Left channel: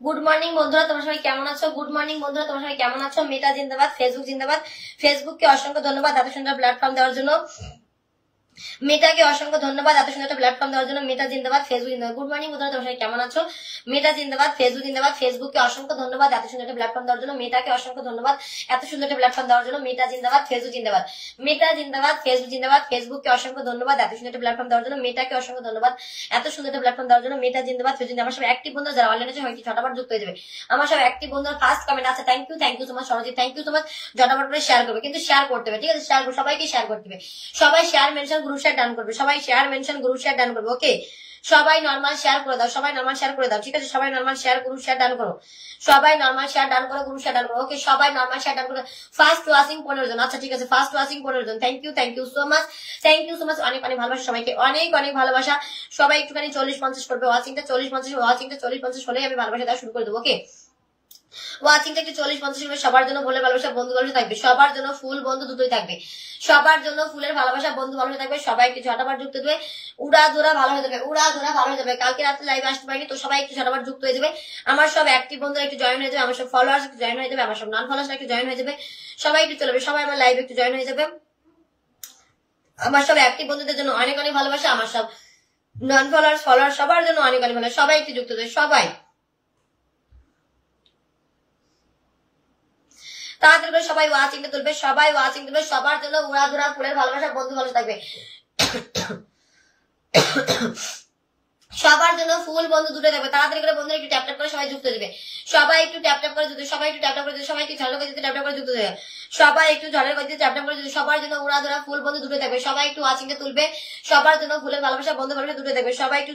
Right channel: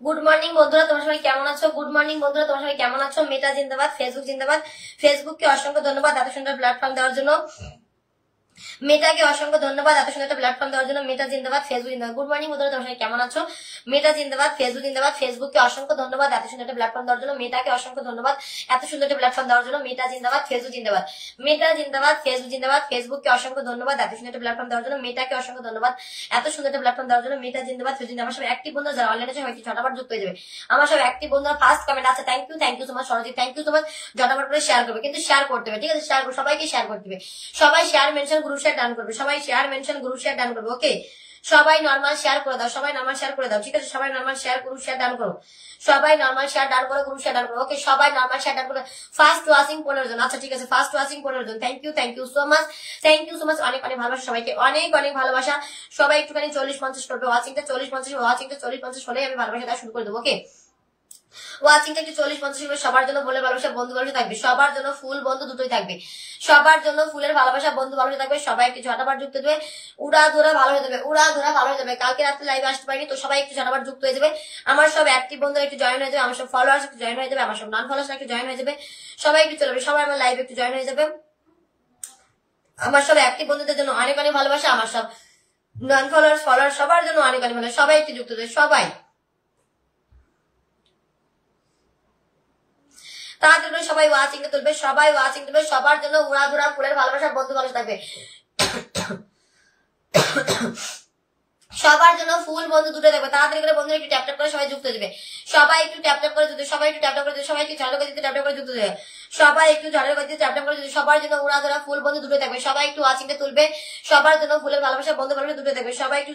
Good morning বন্ধুরা, তোমরা সবাই কেমন আছো? গুড মর্নিং বন্ধুরা, তোমরা সবাই কেমন আছো? মেটা জিন্দাবাদ, ফেসবুক জিন্দাবাদ। ফেসবুককে অসংখ্য ধন্যবাদ এত সুন্দর প্ল্যাটফর্ম দেওয়ার জন্য। মেটাকে অসংখ্য ধন্যবাদ এত সুন্দর একটা প্ল্যাটফর্ম দেওয়ার জন্য। মেটা জিন্দাবাদ, ফেসবুক জিন্দাবাদ। গুড মর্নিং বন্ধুরা, তোমরা সবাই কেমন আছো? মেটা জিন্দাবাদ, ফেসবুক জিন্দাবাদ। ফেসবুককে অসংখ্য ধন্যবাদ এত সুন্দর একটা প্ল্যাটফর্ম দেওয়ার জন্য। মেটাকে অসংখ্য ধন্যবাদ এত সুন্দর একটা প্ল্যাটফর্ম দেওয়ার জন্য। মেটা জিন্দাবাদ, ফেসবুক জিন্দাবাদ। মেটা জিন্দাবাদ, ফেসবুক জিন্দাবাদ। ফেসবুককে অসংখ্য ধন্যবাদ এত সুন্দর একটা প্ল্যাটফর্ম দেওয়ার জন্য। মেটাকে অসংখ্য ধন্যবাদ এত সুন্দর একটা প্ল্যাটফর্ম দেওয়ার জন্য। মেটা জিন্দাবাদ, ফেসবুক জিন্দাবাদ। আমার সব অ্যাক্টিভ বন্ধুরা যারা অনলাইনে আছে হয়তো ছটাবার যুক্ত হয়ে যাবে। আমার সব অ্যাক্টিভ বন্ধুরা ফার্স্ট কমেন্ট আছে, thank you so much Sarajit, thank you so much. জটাবার করে শেয়ার করবে, কিন্তু শেয়ার করতে হবে, ঠিক আছে? শেয়ার করবে, সবাইকে শেয়ার করতে হবে। সবাই share mention group share done করবে, সবাই share mention group share done করবে। ওকে, সবাই নরমাল শেয়ার করে দাও, সবাই নরমাল শেয়ার করে দাও, ঠিক আছে? সবাই normal share group share done করো, সবাই নরমাল শেয়ার ডান করো, গ্রুপ শেয়ার ডান করো। ওকে, সবাই নরমাল শেয়ার ডান করো। ফার্স্ট ওয়াচিং 15 জন, আচ্ছা ঠিক আছে, ফার্স্ট ওয়াচিং 15 জন। Thank you so much, thank you so much. অনেক অনেক ভালোবাসা সবাইকে, অনেক অনেক ভালোবাসা। সবাই একটুখানি 40-50 করবে, ওয়াচিংটা 40-50 হলেই আমি ভালোবাসা দেওয়া শুরু করে দেবো। ওকে, ওয়াচিংটা একটু 40-50 হবে। সবার জন্য ফুলের ভালোবাসা, বন্ধু ভালোবাসা থাকবে, সবার জন্য ফুল বন্ধু দুটোই থাকবে, সবার জন্য ফুলের ভালোবাসা, বন্ধু ভালোবাসা থাকবে। সবাই একটু ঝটাবার যুক্ত দেবে, উড়া ধরা ভালো হয়ে যাবে, উড়া ধরা ভালো হয়ে যাবে। কালকে রাত্রে লাইভে আসতে পারিনি তো, সবাই একটু ঝটাবার যুক্ত হয়ে যাবে। আমার সব অ্যাক্টিভ বন্ধুরা একটু জয়েন হয়ে যাবে, আমার সব ফলোয়ার্স একটু জয়েন হয়ে যাবে, আমার সব নন ফলোয়ার্স একটু জয়েন হয়ে যাবে। সবাই একটু চলবে, সবাই আমার লাইভে একটু জয়েন হয়ে যাবে। আমার সব অ্যাক্টিভ বন্ধুদের জন্য অনেক অনেক ভালোবাসা, আমার সব নন ফলোয়ার্স ফলোয়ার্স সবার জন্য অনেক অনেক ভালোবাসা। সবাই একটু যুক্ত দেবে, সবাই তাড়াতাড়ি করে সবাই ওয়াচিংটা তুলবে, সবাই ওয়াচিং তুলবে। সবার জন্য উড়াধুরা ফুলের ভালোবাসা, বন্ধু ভালোবাসা থাকবে। সবার জন্য ফুল বন্ধু দুটো থাকবে। তাড়াতাড়ি করে বন্ধুরা একটু ট্যাপ ট্যাপ করে সবাই যুক্ত দেবে, সবাই একটু ট্যাপ ট্যাপ করে যুক্ত, সবাই একটু ট্যাপ ট্যাপ করে, সবাই একটু ঝাড়ু করে দিতে ট্যাপ ট্যাপ করে যুক্ত দেবে, সবাই একটু ঝাড়ু করে দিতে ট্যাপ ট্যাপ করে। সবার জন্য উড়াধুরা ফুল বন্ধু দুটো থাকবে, সবাই একটু ওয়াচিংটা তুলবে। সবার জন্য ফুলের ভালোবাসা, বন্ধু ভালোবাসা দুটো থাকবে, সবাই একটু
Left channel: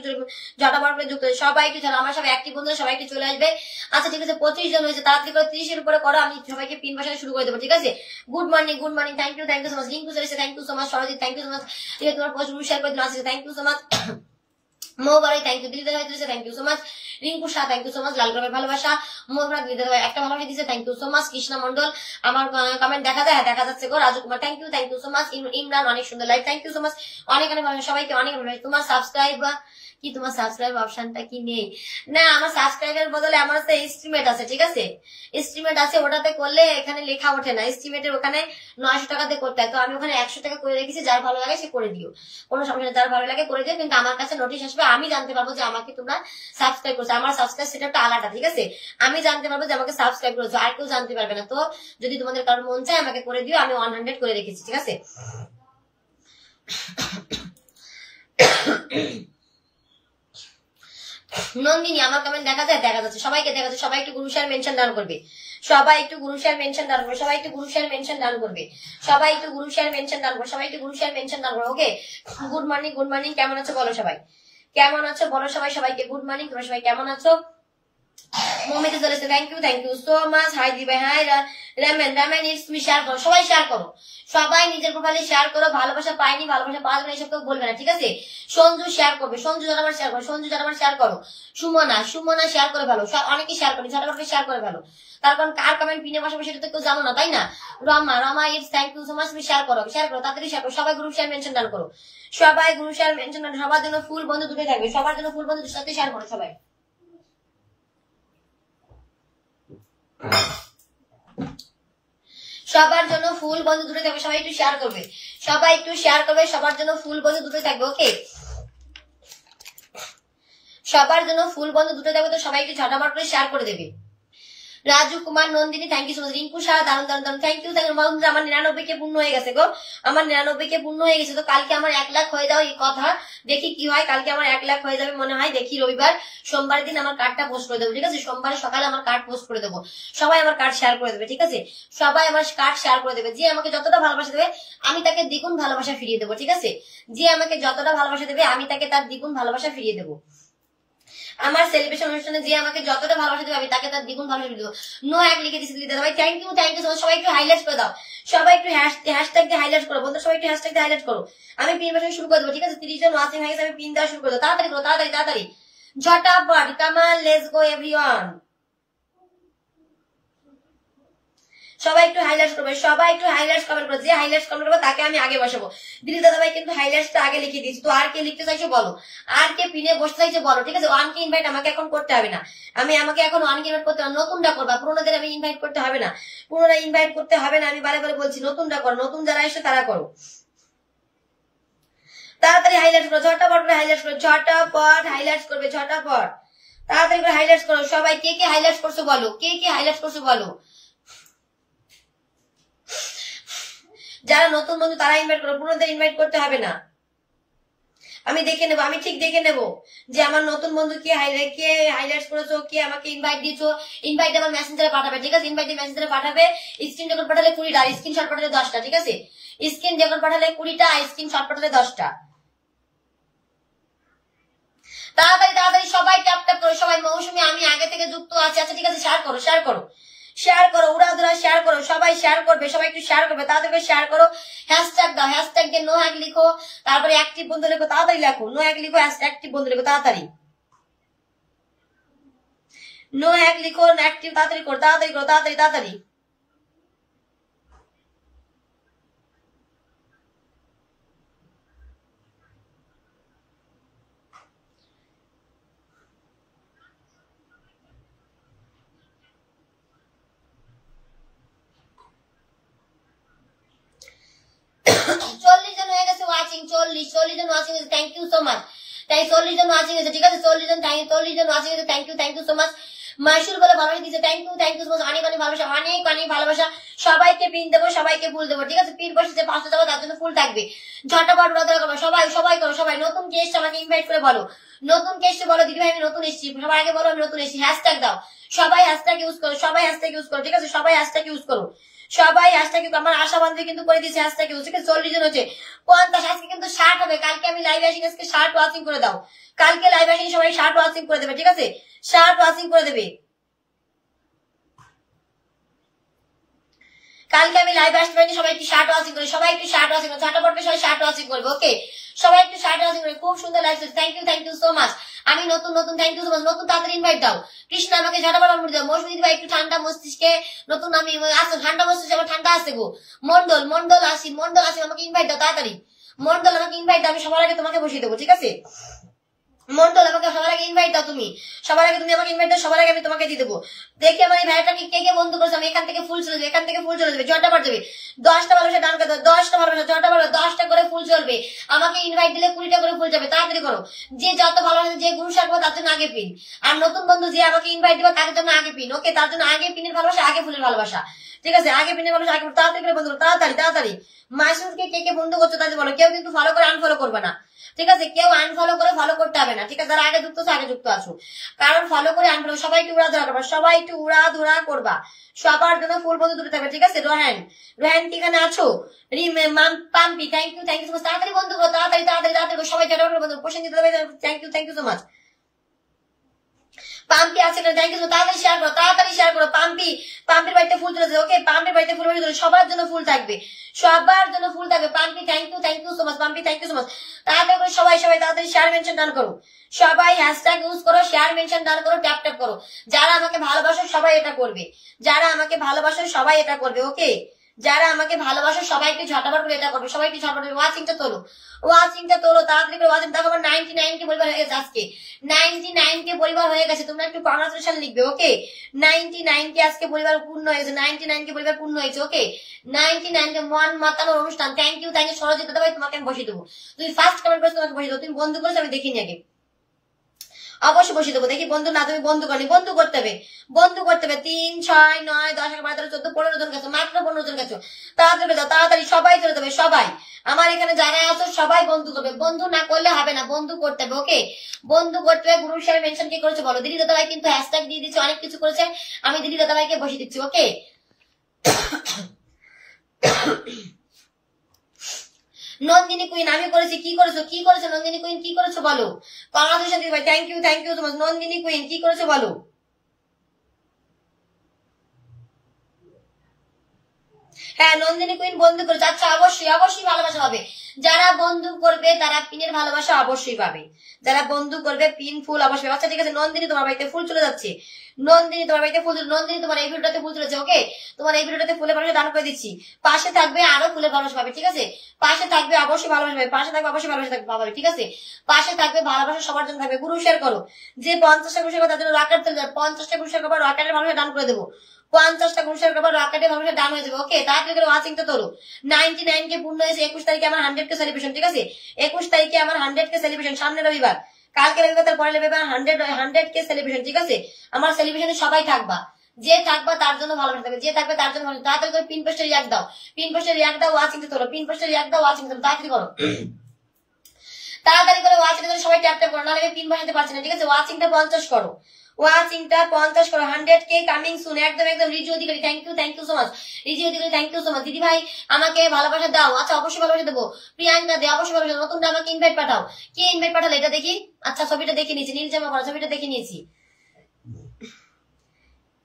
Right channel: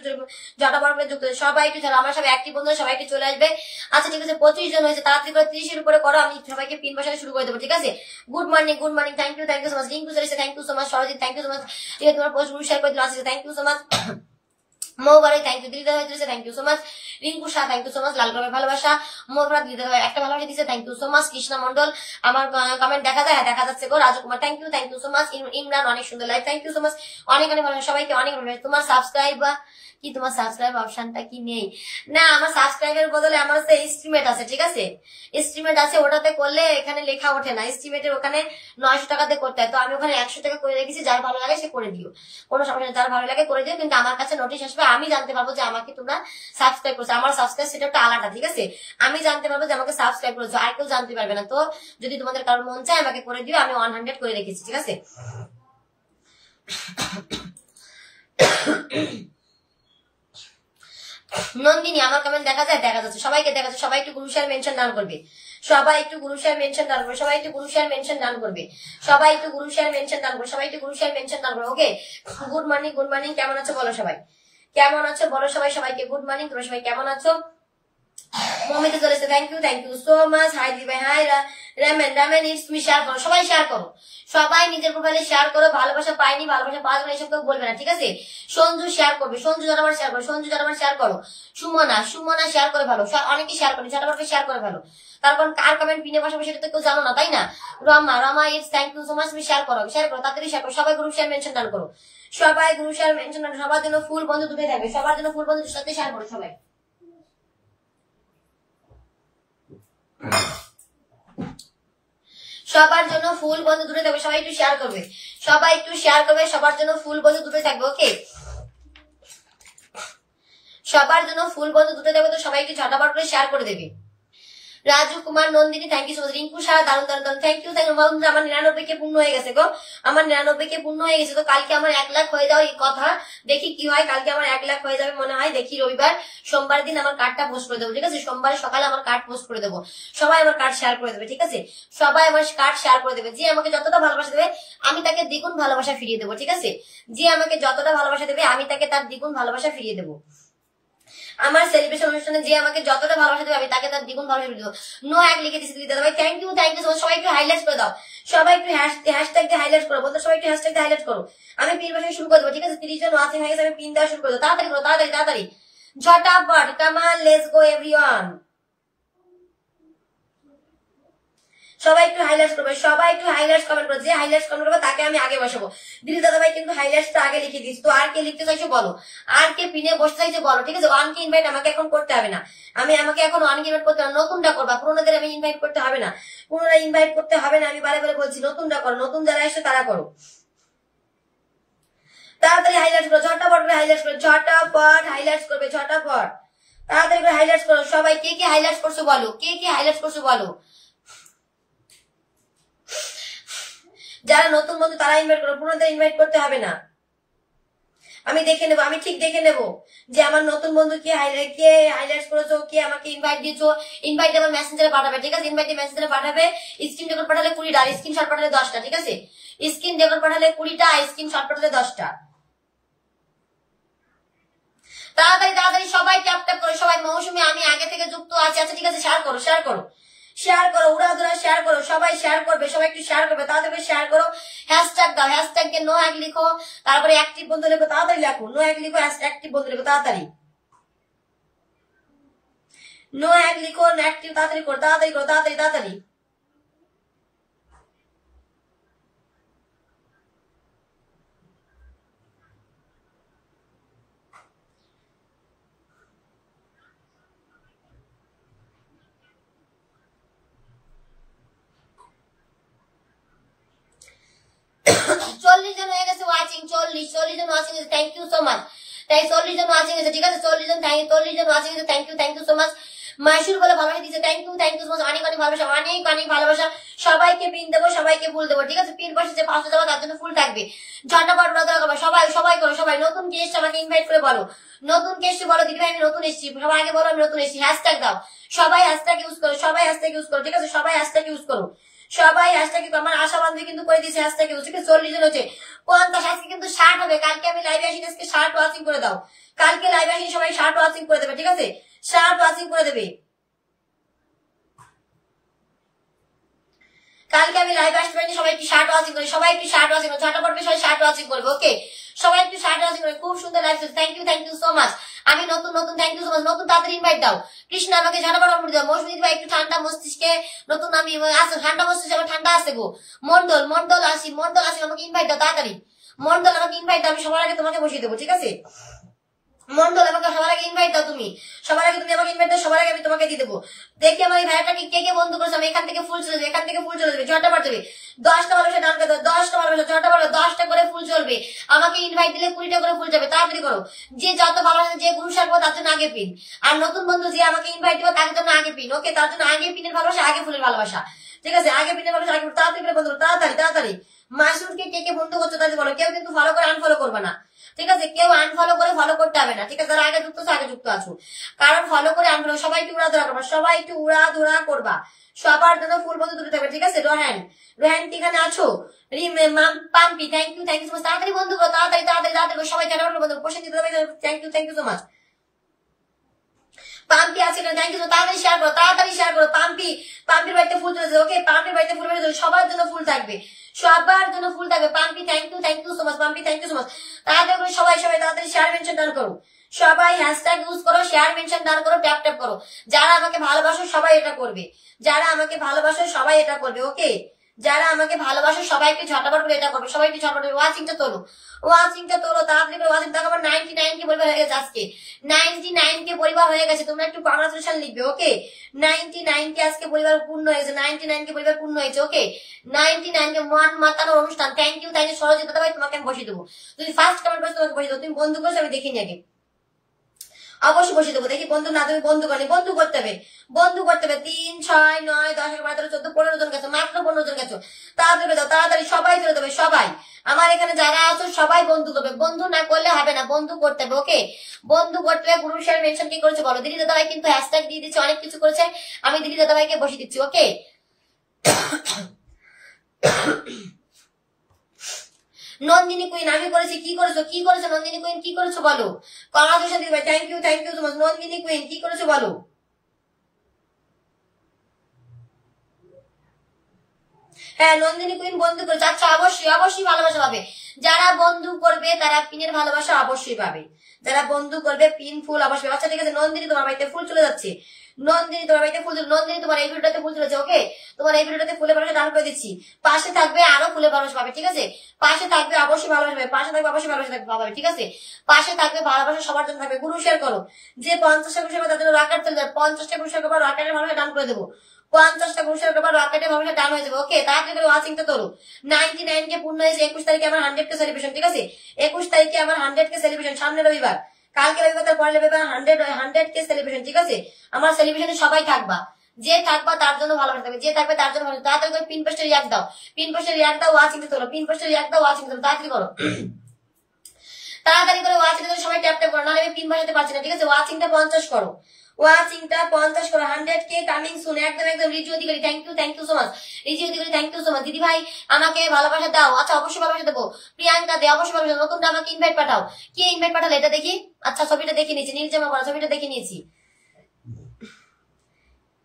ঝটাবার করে যুক্ত, সবাই একটু ঝাড়ু। আমার সব অ্যাক্টিভ বন্ধুরা সবাই একটু চলে আসবে। আচ্ছা ঠিক আছে, 25 জন হয়েছে, তাড়াতাড়ি করে 30 এর উপরে করো, আমি সবাইকে পিন বসাতে শুরু করে দেবো, ঠিক আছে? Good morning, thank you so much. Rinku চলেছে, thank you so much. Sarajit, thank you so much. ঠিক আছে, তোমার পোস্ট শেয়ার করে দিলাম, আছে, থ্যাংক ইউ সো মাচ। মৌবারে থ্যাংক ইউ, দিদিদা হয়েছে, thank you so much. Rinku Shah, thank you so much. লালগ্রামের ভালোবাসা। মৌভরা দিদিদা একটা ভালোবাসা দিচ্ছে, thank you so much. Krishna Mondal, আমার কমেন্ট দেখা যায়, হ্যাঁ দেখা যাচ্ছে গো। Raju Kumar, thank you so much. Imran, অনেক সুন্দর live, thank you so much. অনেক অনেক ভালোবাসা সবাইকে, অনেক ভালোবাসা। তোমার সাবস্ক্রাইব কি, তোমার সাবস্ক্রাইব অপশনটা কি নেই? না, আমার সাবস্ক্রাইবের বদলে আমার হচ্ছে এস্টিমেট আছে, ঠিক আছে? এস্টিমেট আছে, ওটাতে করলে এখানে লেখা ওঠে না। এস্টিমেটের ওখানে 900 টাকাতে করতে হয়, তো আমি ওখানে 100 টাকা করে রেখেছি। যার ভালো লাগে সে করে দিও, কোনো সমস্যা নেই। যার ভালো লাগে করে দিও, কিন্তু আমার কাছে নোটিশ আসবে, আমি জানতে পারবো যে আমাকে তোমরা সাবস্ক্রাইব করছো। আমার সাবস্ক্রাইব সেটা আলাদা, ঠিক আছে? আমি জানতে পারবো যে আমাকে সাবস্ক্রাইব করেছো, আর কেউ জানতে পারবে না। তো যদি তোমাদের কারোর মন চায় আমাকে করে দিও, আমি 100 করে রেখেছি, ঠিক আছে? নন্দিনী, আমার কমেন্ট দেখা যায়, দেখা যাচ্ছে, সবাইকে দেখা যাচ্ছে। সবাই একটু গ্রুপ শেয়ার মেনশন ডান করবে, সবাই একটু গ্রুপ শেয়ার মেনশন ডান করবে, সবাই একটু গ্রুপ শেয়ার মেনশন ডান করবে, সবাই একটু গ্রুপ শেয়ার মেনশন ডান করবে, সবাই একটু গ্রুপ শেয়ার মেনশন ডান করবে। ওকে, গুড মর্নিং, কেমন আছো বলো সবাই, কেমন আছো বলো সবাই, সবাইকে গুড মর্নিং। তোমরা সবাই কেমন আছো? মমিতে চলেছে, thank you so much. Hi দি ভাই, hi Ramen it's me. Share করো, সবাই শেয়ার করো, সবাই নিজের প্রোফাইলে শেয়ার করো। ভালোবাসা পাইনি, ভালোবাসা পাওয়া যাবে এইসব কেউ বলবে না, ঠিক আছে? সঞ্জু শেয়ার করবে, সঞ্জু জনবার শেয়ার করো, সঞ্জু জনবার শেয়ার করো। সুমনা শেয়ার করে ভালো, অনেকে শেয়ার করে, ঝটাফট শেয়ার করে ভালো। তার কারণ কার কমেন্ট পিনে বসাবে সেটা তো কেউ জানো না, তাই না? Rama it's thank you so much. তুমি শেয়ার করো, তাড়াতাড়ি শেয়ার করো। সবাই গ্রুপ শেয়ার মেনশন ডান করো, সবাই গ্রুপ শেয়ার মেনশন ডান। সবার জন্য ফুল বন্ধু দুটোই থাকবে, সবার জন্য ফুল বন্ধু দুটোর সাথে শেয়ার করো সবাই। সবার জন্য ফুল বন্ধু দুটোই থাকবে, সবাই একটু শেয়ার করবে, সবাই একটু শেয়ার করবে। সবার জন্য ফুল বন্ধু দুটোই থাকবে, ওকে? সবার জন্য ফুল বন্ধু দুটোই থাকবে, তো সবাই একটু ঝটাফট করে শেয়ার করে দেবে। Raju Kumar, Nandini, thank you so much. Rinku Saha, দারুন, থ্যাংক ইউ। বন্ধুরা, আমার 99 পূর্ণ হয়ে গেছে গো, আমার 99 পূর্ণ হয়ে গেছে। তো কালকে আমার 1 লাখ হয়ে যাও, এই কথা দেখি কি হয়। কালকে আমার 1 লাখ হয়ে যাবে মনে হয়, দেখি রবিবার সোমবার দিন আমার কার্ডটা পোস্ট করে দেবো, ঠিক আছে? সোমবার সকালে আমার কার্ড পোস্ট করে দেবো, সবাই আমার কার্ড শেয়ার করে দেবে, ঠিক আছে? সবাই আমার কার্ড শেয়ার করে দেবে। যে আমাকে যতটা ভালোবাসা দেবে আমি তাকে দ্বিগুণ ভালোবাসা ফিরিয়ে দেবো, ঠিক আছে? যে আমাকে যতটা ভালোবাসা দেবে আমি তাকে তার দ্বিগুণ ভালোবাসা ফিরিয়ে দেবো। আমার সেলিব্রেশন অনুষ্ঠানে যে আমাকে যতটা ভালোবাসা দেবে আমি তাকে তার দ্বিগুণ ভালোবাসা দেবো। নো এক লিখে দিচ্ছি দিদা ভাই, থ্যাংক ইউ সবাই একটু হাইলাইট করে দাও, সবাই একটু হ্যাশট্যাগ দিয়ে হাইলাইট করো বন্ধু, সবাই একটু হ্যাশট্যাগ দিয়ে হাইলাইট করো। আমি পিন বসানো শুরু করে দেবো, ঠিক আছে? 30 জন ওয়াচিং হয়ে গেছে, আমি পিন দেওয়া শুরু করে দেবো। তাড়াতাড়ি করো, তাড়াতাড়ি ঝটাফট, come on, let's go everyone. সবাই একটু হাইলাইটস করবে, সবাই একটু হাইলাইটস কমেন্ট করবে, যে হাইলাইটস কমেন্ট করবে তাকে আমি আগে বসাবো। দিদি দাদা ভাই কিন্তু হাইলাইটসটা আগে লিখে দিচ্ছি। তো আর কে লিখতে চাইছো বলো, আর কে পিনে বসতে চাইছো বলো, ঠিক আছে। ওয়ানকে ইনভাইট আমাকে এখন করতে হবে না, আমাকে এখন ওয়ানকে ইনভাইট করতে হবে, নতুনটা করবা, পুরোনোদের আমি ইনভাইট করতে হবে না, পুরোনো ইনভাইট করতে হবে না। আমি বারে বারে বলছি নতুনটা করো, নতুন যারা এসে তারা করো। তাড়াতাড়ি হাইলাইট করো, ঝটাপট করে হাইলাইট করো, ঝটাপট হাইলাইট করবে, ঝটাপট তাড়াতাড়ি করে হাইলাইট করো। সবাই কে কে হাইলাইট করছো বলো, কে কে হাইলাইট করছো বলো। যারা নতুন বন্ধু তারা ইনভাইট করো, পুরোনোদের ইনভাইট করতে হবে না। আমি দেখে নেবো, আমি ঠিক দেখে নেবো যে আমার নতুন বন্ধু কে হাইলাইট করেছো, কে আমাকে ইনভাইট দিয়েছো। ইনভাইট আমার মেসেঞ্জারে পাঠাবে, ঠিক আছে। ইনভাইট মেসেঞ্জারে পাঠাবে। স্ক্রিন রেকর্ড পাঠালে 20টা, স্ক্রিনশট পাঠালে 10টা, ঠিক আছে। স্ক্রিন রেকর্ড পাঠালে 20টা, স্ক্রিনশট পাঠালে 10টা। তাড়াতাড়ি তাড়াতাড়ি সবাই ট্যাপ ট্যাপ করো। সবাই মৌসুমী আমি আগে থেকে যুক্ত আছে, আচ্ছা ঠিক আছে। শেয়ার করো, শেয়ার করো, শেয়ার করো, উড়াধুরা শেয়ার করো। সবাই শেয়ার করবে, সবাই একটু শেয়ার করবে, তাড়াতাড়ি শেয়ার করো। হ্যাশট্যাগ দাও, হ্যাশট্যাগ কে নো হ্যাক লিখো, তারপরে অ্যাক্টিভ বন্ধু লিখো, তাড়াতাড়ি লেখো। নো হ্যাক লিখো, অ্যাক্টিভ বন্ধু লিখো, তাড়াতাড়ি। নো হ্যাক লিখো, অ্যাক্টিভ তাড়াতাড়ি করো, তাড়াতাড়ি করো, তাড়াতাড়ি তাড়াতাড়ি। চল্লিশ জন হয়ে গেছে ওয়াচিং, 40 জন watching, thank you so much. তাই 40 জন ওয়াচিং আছে, ঠিক আছে। 40 জন ওয়াচিং আছে, থ্যাংক ইউ সো মাচ। মাইশুর বলে ভালোবাসা দিচ্ছে, থ্যাংক ইউ সো মাচ। অনেক অনেক ভালোবাসা, অনেক অনেক ভালোবাসা। সবাইকে পিন দেবো, সবাইকে ফুল দেবো, ঠিক আছে। পিন বসেছে 500 দেবো, তার জন্য ফুল থাকবে। ঝটাপট উড়াধুরা করবে, সবাই সবাই করো, সবাই। নতুন গেস্ট আমাকে ইনভাইট করে বলো, নতুন গেস্ট বলো দিদি ভাই আমি নতুন এসেছি, সবাই আগে বলো আমি নতুন এসেছি। হ্যাশট্যাগ দাও, সবাই হ্যাশট্যাগ ইউজ করো, সবাই হ্যাশট্যাগ ইউজ করো, ঠিক আছে। সবাই হ্যাশট্যাগ ইউজ করো, সবাই হ্যাশট্যাগ। আমার আশা বান্ধবী কিন্তু করে দিয়েছে হ্যাশট্যাগ ইউজ, ঠিক আছে। 40 জন হচ্ছে, 50। আজকে কিন্তু 60 হবে। কালকে আমি লাইভে আসি, আজকে 60 ওয়াচিং করে দাও। কালকে লাইভে আসি সবাই 60 ওয়াচিং করে দেবে, ঠিক আছে। 60 ওয়াচিং করে দেবে। কালকে আমি লাইভে আসতে পারিনি, সবাই একটু 60 ওয়াচিং করে, সবাই একটু 60 ওয়াচিং করে, ঝটাপট করে সবাই 60 ওয়াচিং করবে, ওকে। সবাই একটু 60 ওয়াচিং করে। খুব সুন্দর live, thank you so much. আমি নতুন নতুন, থ্যাংক ইউ সো মাচ। নতুন তাড়াতাড়ি ইনভাইট দাও। কৃষ্ণ আমাকে ঝটাপট অনুমতি দাও। মৌসুমী ভাই একটু ঠান্ডা মস্তিষ্কে, নতুন আমি আসো, ঠান্ডা মস্তিষ্কে আমার ঠান্ডা আছে গো। মন্ডল আসি, আমাকে ইনভাইট দাও তাড়াতাড়ি। মন্ডল আমাকে ইনভাইট দাও, আমি সবার আগে তোমাকে বসিয়ে দেবো, ঠিক আছে। মন্ডল আমাকে সবার আগে ইনভাইট দাও, তুমি সবার আগে, তুমি আমাকে ইনভাইট দাও, সবার আগে আমি তোমাকে দিয়ে দেবো। দেখি আমার এই ভাইটাকে কে কে বন্ধু করছে। আমি এখান থেকে ফুল চলে যাবে, এখান থেকে ফুল চলে যাবে, ঝটাপট যাবে। 10টা ভালোবাসা ডান করে দাও, 10টা ভালোবাসা, ঝটাপট 10টা করে ফুল চলবে। আমাকে ইনভাইট দিলে 20টা করে ফুল যাবে, তাড়াতাড়ি করো। যে যত ভালোবাসা, যে গুরু সারবো তার জন্য আগে পিন। আর নতুন বন্ধু যে আমাকে ইনভাইট দিবে তার জন্য আগে পিন, ওকে। তার জন্য আগে পিনের ভালোবাসা, আগে ফুলের ভালোবাসা, ঠিক আছে। আগে পিনের ভালোবাসা, আগে তাড়াতাড়ি করে বন্ধু, তাড়াতাড়ি তাড়াতাড়ি। মাসুদকে কে কে বন্ধু করছো তাদের বলো। কেউ কিন্তু ফলো করে আনফলো করবে না, ঠিক আছে। কেউ আনফলো করে ফলো করতে হবে না, ঠিক আছে। যারা আগে যুক্ত আছো আগে যুক্ত আছো, কারণ ফলো করে আনফলো। সবাই একটু উড়াধুরা করবা, সবাই একটু উড়াধুরা করবা। সবার জন্য ফুল বন্ধু দূরে থাকবে, ঠিক আছে। রোহান কি এখানে আছো? পাম্পি, থ্যাংক ইউ সো মাচ। তাড়াতাড়ি বন্ধু করো, তাড়াতাড়ি তাড়াতাড়ি তাড়াতাড়ি সবাই ঝটাপট বন্ধু। প্রসেনজিৎ ভাই থ্যাংক ইউ সো মাচ। পাম্পি আছে, থ্যাংক ইউ। তাড়াতাড়ি শেয়ার করো, তাড়াতাড়ি শেয়ার করো। পাম্পির বাড়িতে ফুল চলেছে, ওকে। পাম্পির বাড়িতে ফুল চলেছে, সবার জন্য ফুল থাকবে, সবার জন্য ফুল থাকবে। Pampi thank you so much. Pampi thank you so much. তাড়াতাড়ি করে সবাই তাড়াতাড়ি শেয়ার মেনশন ডান করো, সবাই হ্যাশট্যাগ ইউজ করো, শেয়ার মেনশন ডান করো, ট্যাপ ট্যাপ করো। যারা আমাকে ভালোবাসো সবাই এটা করবে, যারা আমাকে ভালোবাসো সবাই এটা করবে, ওকে। যারা আমাকে ভালোবাসো সবাইকে ঝটাপট করে এটা করবে, সবাইকে ঝটাপট করে ওয়াচিংটা তোলো, তাড়াতাড়ি করে ওয়াচিং। দেখো আমার 99 কে পরিবার হয়ে গেছে, আজকে 99 কে পরিবার হয়ে গেছে। তোমরা একটু কংগ্রাচুলেশন লিখবে, ওকে। 99 কে আজকে পরিবার পূর্ণ হয়েছে, 99 কে পরিবার পূর্ণ হয়েছে, ওকে। 99 কে মন মাতানোর অনুষ্ঠান। থ্যাংক ইউ সরজিৎ দাদা ভাই, তোমাকে আমি বসিয়ে দেবো। তুমি ফার্স্ট কমেন্ট করছো, তোমাকে বসিয়ে দেবো। তুমি বন্ধু করেছো আমি দেখিনি আগে, অবশ্যই বসিয়ে দেবো। দেখি বন্ধু না, তুমি বন্ধু করনি, বন্ধু করতে হবে 3, 6, 9, 10, 11, 12, 14, 15 জন গেছো, মাত্র 15 জন গেছো। তাড়াতাড়ি যাও, তাড়াতাড়ি সবাই চলে যাবে, সবাই। আমার এখানে যারা আছো সবাই বন্ধু করবে, বন্ধু না করলে হবে না, বন্ধু করতে হবে, ওকে। বন্ধু করতে হবে। গ্রুপ শেয়ার মেনশন কি করেছে বলো। দিদি দাদা ভাই কিন্তু হ্যাশট্যাগ দিয়ে দিচ্ছে, অনেক কিছু করেছে। আমি দিদি দাদা ভাইকে বসিয়ে দিচ্ছি, ওকে। নন্দিনী কুইন আমি করেছি, কি করেছো নন্দিনী কুইন, কি করেছো বলো। কংগ্রাচুলেশন দিদি ভাই, thank you so much. Nandini queen কি করেছো বলো। হ্যাঁ নন্দিনী কুইন বন্ধু করেছে, আচ্ছা অবশ্যই ভালোবাসা পাবে। যারা বন্ধু করবে তারা পিনের ভালোবাসা অবশ্যই পাবে, যারা বন্ধু করবে পিন ফুল অবশ্যই পাবে। আচ্ছা ঠিক আছে, নন্দিনী তোমার বাড়িতে ফুল চলে যাচ্ছে, নন্দিনী তোমার বাড়িতে ফুল, নন্দিনী তোমার এই ভিডিওটাতে ফুল চলেছে, ওকে তোমার এই ভিডিওটাতে ফুলের ভালোবাসা দান করে দিচ্ছি। পাশে থাকবে আরো ফুলের ভালোবাসা পাবে, ঠিক আছে, পাশে থাকবে অবশ্যই ভালোবাসা পাবে, পাশে থাকবে অবশ্যই ভালোবাসা পাবে, ঠিক আছে, পাশে থাকবে ভালোবাসা সবার জন্য থাকবে। গ্রুপ শেয়ার করো, যে 50টা গ্রুপ শেয়ার করবে তার জন্য রকেট চলে যাবে, 50টা গ্রুপ শেয়ার করবে রকেটের ভালোবাসা দান করে দেবো, 50টা গ্রুপ শেয়ার করবে রকেটের ভালোবাসা দান হয়ে যাবে, ওকে। তাড়াতাড়ি করে ওয়াচিংটা তোলো, 99 কে পূর্ণ হয়েছে, 21 তারিখে আমার 100 কে সেলিব্রেশন, ঠিক আছে, 21 তারিখে আমার 100 কে সেলিব্রেশন, সামনে রবিবার, কালকে রবিবার, তার পরে রবিবার 100 কে সেলিব্রেশন, ঠিক আছে। আমার সেলিব্রেশনে সবাই থাকবা, যে থাকবা তার জন্য ভালোবাসা থাকবে, যে থাকবে তার জন্য ভালো। তাড়াতাড়ি করে পিন পোস্টে রিয়াক্ট দাও, পিন পোস্টে রিয়াক্ট দাও, ওয়াচিংটা তোলো, পিন পোস্টে রিয়াক্ট দাও, ওয়াচিং তোলো, তাড়াতাড়ি করো, তাড়াতাড়ি করে ওয়াচিংটা সবাই ট্যাপ ট্যাপ করো, নাহলে আমি পিন বসাতে পারছি না, ঠিক আছে। ওয়াচিংটা 50 করো, ওয়াচিংটা 50 করো, 100 কে কামিং সুন, একদম একদম। Riju Adhikari thank you so much, Riju Adhikari thank you so much. দিদি ভাই আমাকে ভালোবাসা দাও, আচ্ছা অবশ্যই ভালোবাসা দেবো। প্রিয়াঙ্কা দে অবশ্যই ভালোবাসা, নতুনটা আমাকে ইনভাইট পাঠাও, কি ইনভাইট পাঠালে এটা দেখি, আচ্ছা ছবিটা দেখে নিয়েছি, নীল জামা পরা ছবিটা দেখে নিয়েছি।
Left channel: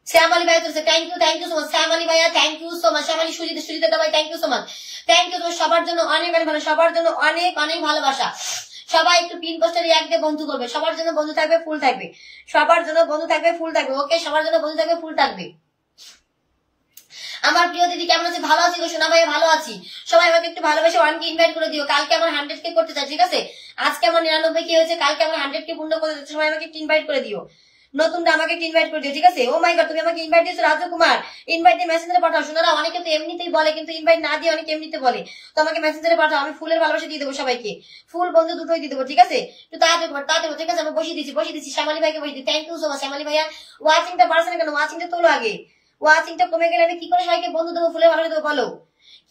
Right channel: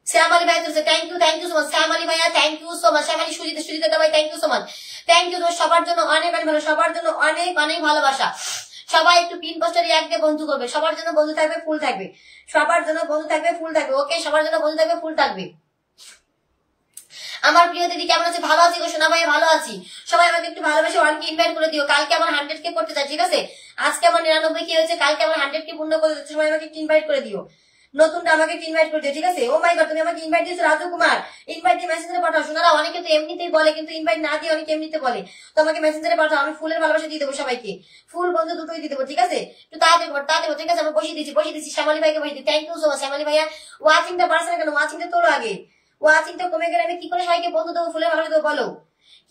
শ্যামালি ভাই তুলছে, thank you so much Shyamali ভাইয়া, thank you so much. Shyamali Sujita ভাই thank you so much, thank you. তোমার সবার জন্য অনেক অনেক ভালো, সবার জন্য অনেক অনেক ভালোবাসা। সবাই একটু পিন পোস্টারে এক দিয়ে বন্ধু করবে, সবার জন্য বন্ধু থাকবে, ফুল থাকবে, সবার জন্য বন্ধু থাকবে, ফুল থাকবে, ওকে, সবার জন্য বন্ধু থাকবে, ফুল থাকবে। আমার প্রিয় দিদি কেমন আছে? ভালো আছি গো সোনা ভাই, ভালো আছি। সবাই আমাকে একটু ভালোবেসে 1 কে ইনভাইট করে দিও, কালকে আমার 100 কে করতে চাই, ঠিক আছে, আজকে আমার 99 কে হয়েছে, কালকে আমার 100 কে পূর্ণ করতে যাচ্ছে, সবাই আমাকে একটু ইনভাইট করে দিও, নতুনটা আমাকে একটু ইনভাইট করে দিও, ঠিক আছে। ও মাই গড, তুমি আমাকে ইনভাইট দিয়েছো রাজু কুমার, ইনভাইট দিয়ে মেসেঞ্জারে পাঠাও। শোনারা অনেকে তো এমনিতেই বলে, কিন্তু ইনভাইট না দিয়ে অনেকে এমনিতে বলে, তো আমাকে মেসেঞ্জারে পাঠাও, আমি ফুলের ভালোবাসা দিয়ে দেবো সবাইকে, ফুল বন্ধু দুটোই দিয়ে দেবো, ঠিক আছে। একটু তাড়াতাড়ি তাড়াতাড়ি, ঠিক আছে, আমি বসিয়ে দিচ্ছি শ্যামালি ভাইকে বসিয়ে দিই, thank you so much Shyamali ভাইয়া। ওয়াচিংটা বাড়ছে না কেন? ওয়াচিংটা তোলো আগে, ওয়াচিংটা কমে গেলে আমি কি করে সবাইকে বন্ধু দেবো, ফুলের ভালোবাসা দেবো বলো,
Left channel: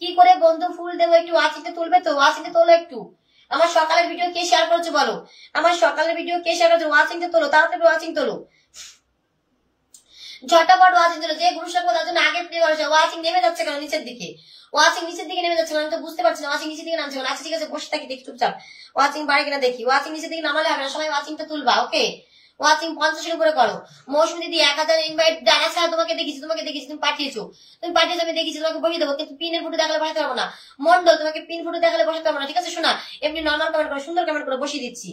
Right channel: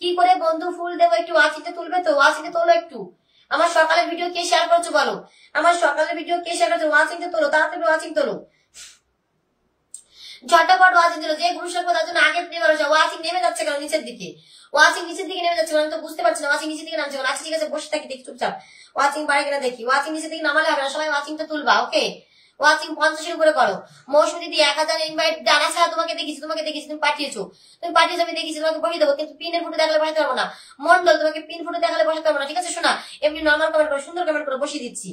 কি করে বন্ধু ফুল দেবো? একটু ওয়াচিংটা তুলবে তো, ওয়াচিংটা তোলো একটু। আমার সকালের ভিডিও কে শেয়ার করছো বলো, আমার সকালের ভিডিও কে শেয়ার করছো? ওয়াচিংটা তোলো, তাড়াতাড়ি ওয়াচিং তোলো, ঝটাপট ওয়াচিং ছিল, যে গ্রুপ শেয়ার তার জন্য আগে প্লে করেছে। ওয়াচিং নেমে যাচ্ছে কেন নিচের দিকে? ওয়াচিং নিচের দিকে নেমে যাচ্ছে কেন? আমি তো বুঝতে পারছি না ওয়াচিং নিচের দিকে নামছে কেন। আচ্ছা ঠিক আছে, বসে থাকি দেখি চুপচাপ, ওয়াচিং বাড়ে কিনা দেখি। ওয়াচিং নিচের দিকে নামালে হবে না, সবাই ওয়াচিংটা তুলবা, ওকে। ওয়াচিং 50 এর উপরে করো। মৌসুমী দিদি 1000 ইনভাইট জানা ছাড়া তোমাকে দেখেছি, তুমি পাঠিয়েছো, আমি দেখেছি, তোমাকে বসিয়ে দেবো, কিন্তু পিনের ফুটো দেখালে বসাতে পারবো না। মন্ডল তোমাকে পিন ফুটো দেখালে বসাতে পারবো না, ঠিক আছে শোনা, এমনি নর্মাল কমেন্ট করো, সুন্দর কমেন্ট করে বসিয়ে দিচ্ছি।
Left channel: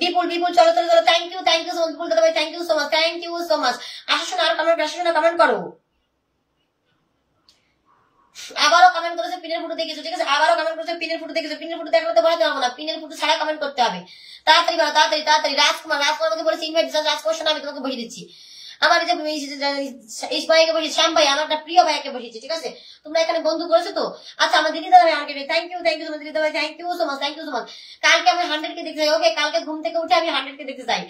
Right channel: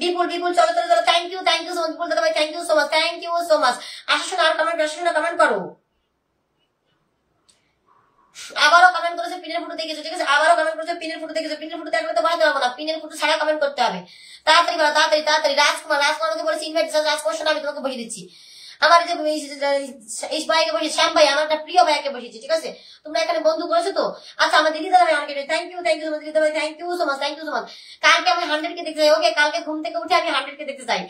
বিপুল চলো চলো চলো, থ্যাংক ইউ সো মাচ বিপুল দাদা ভাই, থ্যাংক ইউ সো মাচ। আসো শোনা, আর কমেন্ট করো। আবারও কমেন্ট করেছে পিনের ফুটো দেখেছো, ঠিক আছে, আবারও কমেন্ট করেছে পিনের ফুটো দেখেছো, পিনের ফুটো দেখলে তো বসাতে পারবো না, পিনের ফুটো ছাড়া কমেন্ট করতে হবে। তাড়াতাড়ি বাড়ো, তাড়াতাড়ি। রাজকুমার আমাকে বলেছে ইনভাইট, রাজকুমার শোনা, আমি তোমাকে বসিয়ে দিচ্ছি। আমার এই যে ভাইকে বসিয়ে, শ্যাম ভাই আমার একটা প্রিয় ভাইকে বসিয়েছি, ঠিক আছে, তোমরা এখানে বন্ধু করেছো তো। আচ্ছা আমার দিদি দাদা ভাই আমাকে থ্যাংক ইউ সো মাচ, দিদি দাদা ভাই থ্যাংক ইউ সো মাচ। কালকে আমি 100 কে দেখতে চাই, ওকে, কালকে ঘুম থেকে উঠে আমি 100 কে দেখতে চাই,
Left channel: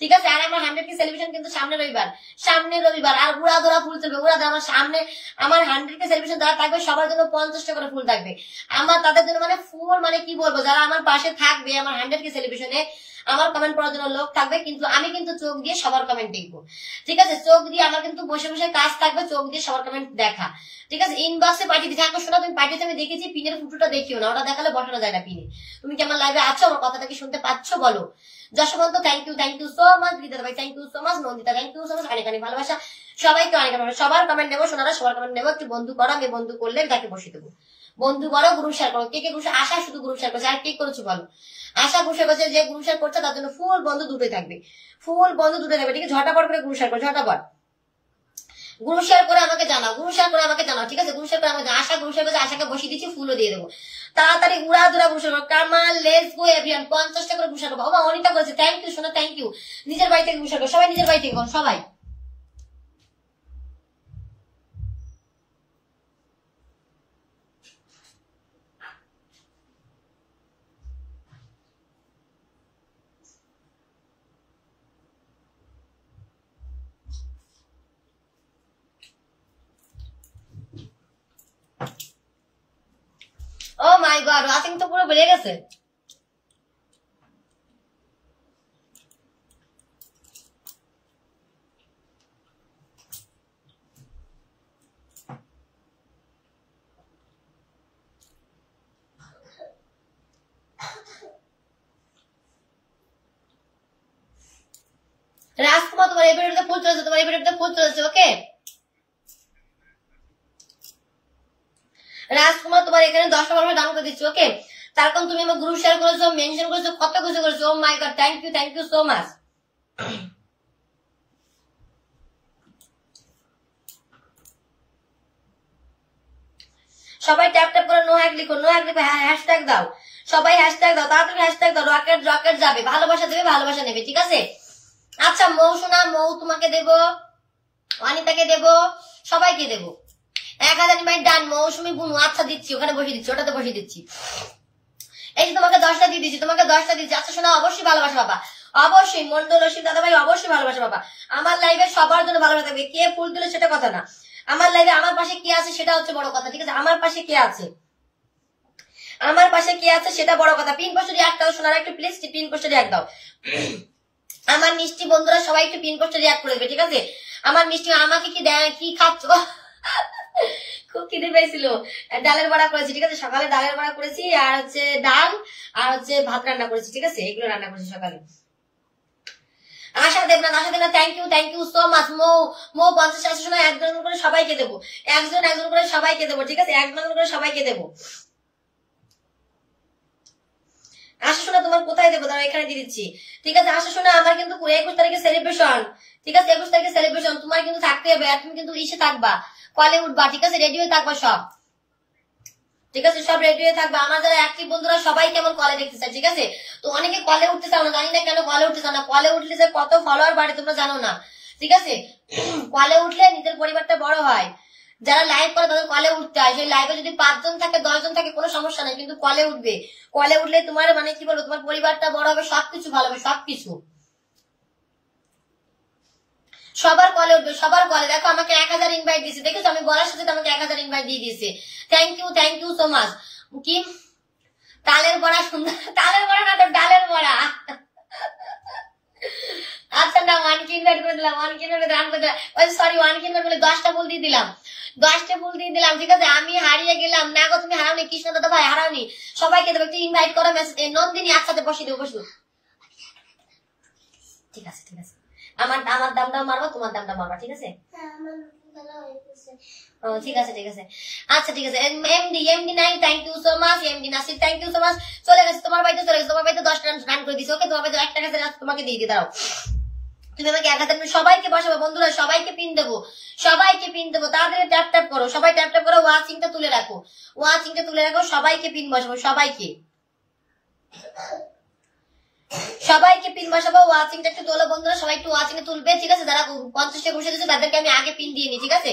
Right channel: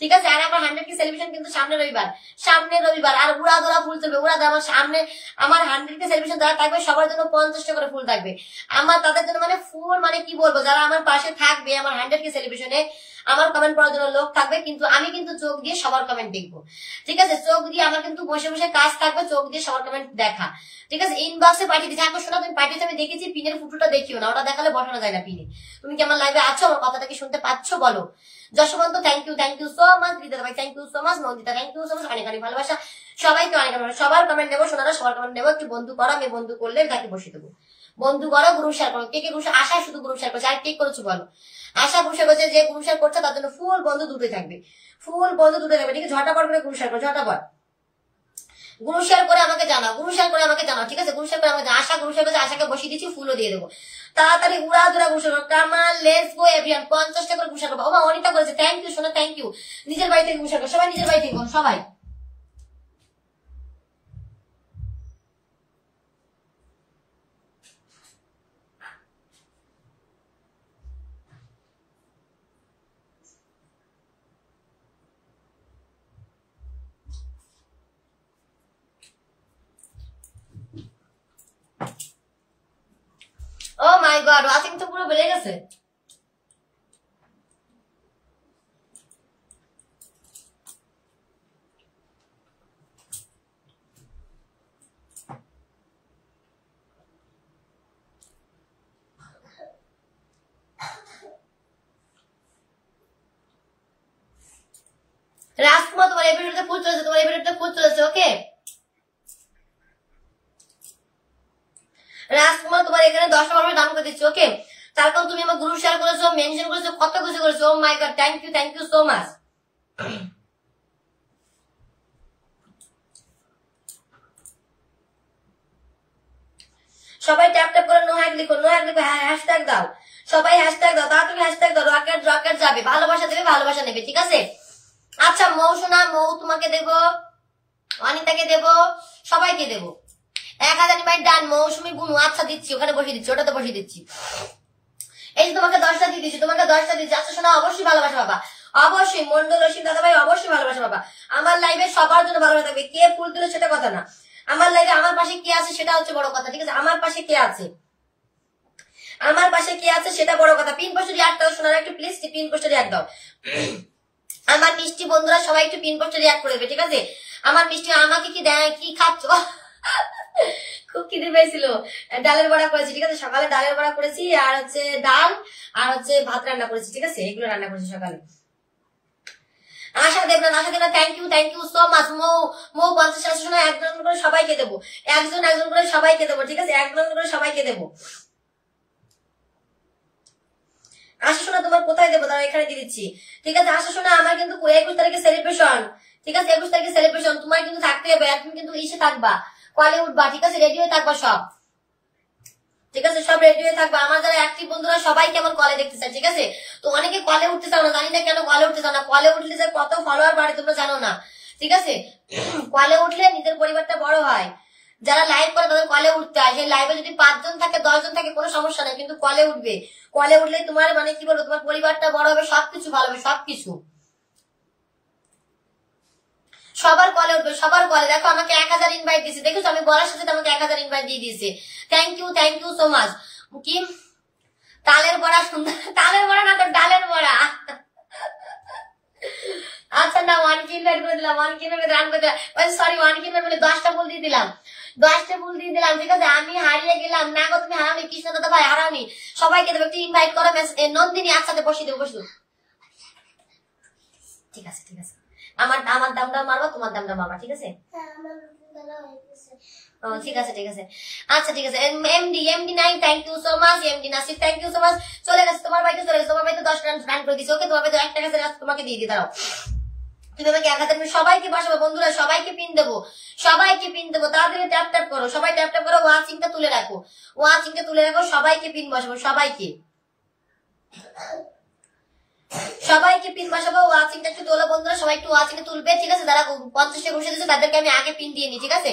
ঠিক আছে। আর আমার 100 কে সেলিব্রেশন কিন্তু সামনে রবিবার, আর উড়া ধরা ফুল চলবে, আমার সামনে আমার 100 কে সেলিব্রেশন যারা থাকবে সবার জন্য 50টা করে ফুল থাকবে। আমার তাদের জন্য মানে ফুল, মানে কি বলবো, যারা আমার পাশে থাকবে আমার 100 কে সেলিব্রেশনে, আমার কমেন্ট পড়ার জন্য লোক থাকবে, কিন্তু আমি কিন্তু চোখ দিয়ে সবার কমেন্ট দেখবো, ঠিক আছে, চোখ দিয়ে আমার কিন্তু বসে বসে কাজ থাকবে, চোখ দিয়ে সবার কমেন্ট দেখা, ঠিক আছে। ইনবক্সে পাঠিয়ে দিচ্ছি, এখন শোনা, তুমি পাঠিয়েছো আমি দেখেছি, পিনের ফুটোটা দেখিও না, ওটা দেখালে বসানো যায় না পিনে। তুমি কি আমার লাইভে আছো, আমার কথাটা কি শুনতে পাচ্ছ বলো? Jaswant thank you so much, Vidya ভাই thank you so much, Nandita thank you so much, অনেক অনেক ভালোবাসা সবাইকে, অনেক অনেক, সবার কমেন্ট নেবো সোনারা, সবার কমেন্ট নেবো, একটু বন্ধু করো, আমি বন্ধু করলে তাকে বসে দেবো, বন্ধু করো, গ্রুপ শেয়ার করো, কে গ্রুপ আশা শুধু গ্রুপ শেয়ার করছে, আর কে করেছো বলো? আশা গ্রুপ শেয়ার করছে, যে গ্রুপ শেয়ার করছে তার জন্য ফুল বন্ধু দুটোই থাকবে, ঠিক আছে। ঝটাপট করে গ্রুপ শেয়ার করো, ঝটাপট গ্রুপ শেয়ার করে আমাকে জানাও, ঠিক আছে, গ্রুপ শেয়ার করে আমাকে। আশা গ্রুপ শেয়ার করছে, আশাকে বসিয়ে দিচ্ছি, ফুলও দিয়ে দেবো, তাড়াতাড়ি উড়া দুরা গ্রুপ শেয়ার করো। কামাল লেটস গো এভিয়ান 50টা করে গ্রুপ শেয়ার করবো। ওমা অনেকটা করেছে, থ্যাংক ইউ সোনা, থ্যাংক ইউ। নিজের বাড়ি থেকে গ্রুপ শেয়ার করো, সবাই নিজের বাড়ি থেকে সবাই। ও মাই গড, ওয়াচিং তো পুরো বেড়ে গেছে। রাজকুমার তোমার এই ভিডিওতে ফুল চলেছে, ওকে। রাজকুমার তোমার এখানে 10টা ভালোবাসা দান করে দিচ্ছি। ওকে, তার কারণ তুমি আমার গ্রুপ শেয়ার করেছো, মেনশন করেছো, কত কিছু করেছো। Oh my god, thank you so much. সবাই ট্যাপ ট্যাপ করে নো হ্যাক লিখো, নো হ্যাক লিখো, হ্যাশট্যাগ দাও, সবাই হ্যাশট্যাগ দাও, তাড়াতাড়ি হ্যাশট্যাগ দাও। রকেট রকেট যাবে, ভালোবাসা দেবে, ভালোবাসা নেবে, ঠিক আছে? আচ্ছা মৌসুনা, মৌ তোমাকে দেবো, অনিতাকে দেবো, সবাইকে দেবো। 1000 ইনভাইট ডান। মৌসুমি বুনু, আচ্ছা দিচ্ছি, ওখানে বসিয়ে দিচ্ছি, ওটাতে বসিয়ে দিচ্ছি। এই যে তোমাকে 10টা দিয়ে দিচ্ছি, তোমাকে 10টা দিচ্ছি। আচ্ছা শোনা, অবশ্যই ভালোবাসা বাবা, অবশ্যই মন্ডল রশিদ দাদা ভাই, অবশ্যই ভালোবাসা বাবা। আমার লাইভে সবার জন্য ভালোবাসা থাকবে, কে ফুল দিলে সেটা কথা না, আমার লাইভে আমার পাশে কে আছে সেটা হচ্ছে বড় কথা, ঠিক আছে? আমার পাশে কে আছে, আমার পাশে কে আছে সেটা বড় কথা। পিন পোস্টে রিয়াক্ট দাও শোনার, একটু প্লিজ পিন পোস্টে রিয়াক্ট দাও। আমার মিষ্টি বন্ধুরা সবাই একটু পিন পোস্টে রিয়াক্ট করে দেবে, ঠিক আছে? আমার মিষ্টি, আমাকে কি দেয়, কি খাচ্ছ? খুব খিদে পেয়েছিল, ডালের বড়া করেছি, ঠিক আছে? সকালে ডালের বড়া করেছি, আর হচ্ছে ডাল, আর হচ্ছে ভাত রান্না করেছি, ঠিক আছে? এগুলো রান্না করেছি সকালে। Asha Debnath, Asha Debnath, thank you so much. Mou 50 আসে শোনা, একজন করে সবাইকে দেবো, একজন করে সবাইকে দেবো, ঠিক আছে? একজন করে সবাইকে দেবো। আশা শোনা তোমার কোথায় দেবো, তারা এখানে দিয়ে দিচ্ছি, ঠিক আছে? আশা শোনা আমার কিন্তু 21 তারিখে সেলিব্রেশন, ঠিক আছে? 21 তারিখে সেলিব্রেশন, তোমার কিন্তু থাকতে হবে, আর তুমি কিন্তু ইসে থাকবা, কলে উঠবা, ঠিক আছে? রেডি হয়ে থাকবা সব, ঠিক আছে? সব রেডি হয়ে থাকবা। আমার যারা অ্যাক্টিভ বন্ধুরা সবাই কেমন কলে দেখতে চাই, ঠিক আছে? তো অনেকে কলে উঠতে চাও না, জানি না কেন কলে উঠতে চাও না। কলে উঠলে যে কত ফলোয়ার বাড়ে তোমরা জানো না, ঠিক আছে? কলে উঠলে নিজের পরিবারটা বড় হয়। যারা লাইভ করে তাদের কলে উঠতে হয়, সেই লাইভে যদি 5 জন থাকে 10 জন থাকে কোনো সমস্যা নেই, কিন্তু কলে উঠবে। কলে উঠলে তোমার মানে কি বলবো, তোমার পরিবারটা বড় হবে, সবকিছু ভালো হবে, সবকিছু। সবার কলে উঠবে, সবার কলে। দেখো আমাকে 1000 ইনভাইট দিয়েছে, দেখেছো? আমি বলার সাথে আমাকে 1000 ইনভাইট দিয়ে দিয়েছে। Thank you so much. কি তালের বড়া সুন্দর, তালের বড়া না তো ডালের বড়া। আচ্ছা না, 1 ইনভাইট করে দিলাম, 1 ইনভাইট রান করে দিলাম, সরি 1 ইনভাইট বলে 10টা ফুল দিয়ে দিলাম, 10টা ফুল দিয়ে দিলাম, ঠিক আছে? আমি হারিয়ে গেলাম না গো, তুমি হারাওনি, কৃষ্ণ দাদা ভাই হারাওনি। সবাইকে দেবো, একটু ইনভাইট করো। নন্দিনী একসাথে বসিয়ে দেবো, বসিয়ে, ঠিক আছে? ঠিক আছে, আমার দামটা মারবা, তোমার দামটা মারবা, ঠিক আছে? ঠিক আছে, ঠিক আছে, আচ্ছা ঠিক আছে। এমডি নাই, thank you so much. MD Nasir, thank you so much. চলে গেছে তোমার বাড়িতে, চলে গেছে তোমার বাড়িতে, 10টা রান করে দিচ্ছে। ওকে, তোমার বাড়িতে 1 টাকা তোমাকে দিয়ে দিই, দাঁড়াও। তুমি আমাকে 1000 সবাইকে বসাবো বন্ধুরা, সবাইকে পিন দেবো, সবাইকে পিন দেবো। তাড়াতাড়ি ট্যাপ ট্যাপ করো, সবাই ট্যাপ ট্যাপ করো। ওয়াচিংটা তুলে রাখো, ওয়াচিংটা তুলে রাখো, সবাইকে পিন বসাবো, সবাইকে, সবাইকে পিন বসাবো। ওয়াচিংটা একটু তোলো বন্ধুরা, সবাই একটু ওয়াচিং তুলবে, ঠিক আছে? যারা 50টা বসে দিচ্ছে তাদেরকে আমি আগে পিন দিয়ে নি, ঠিক আছে?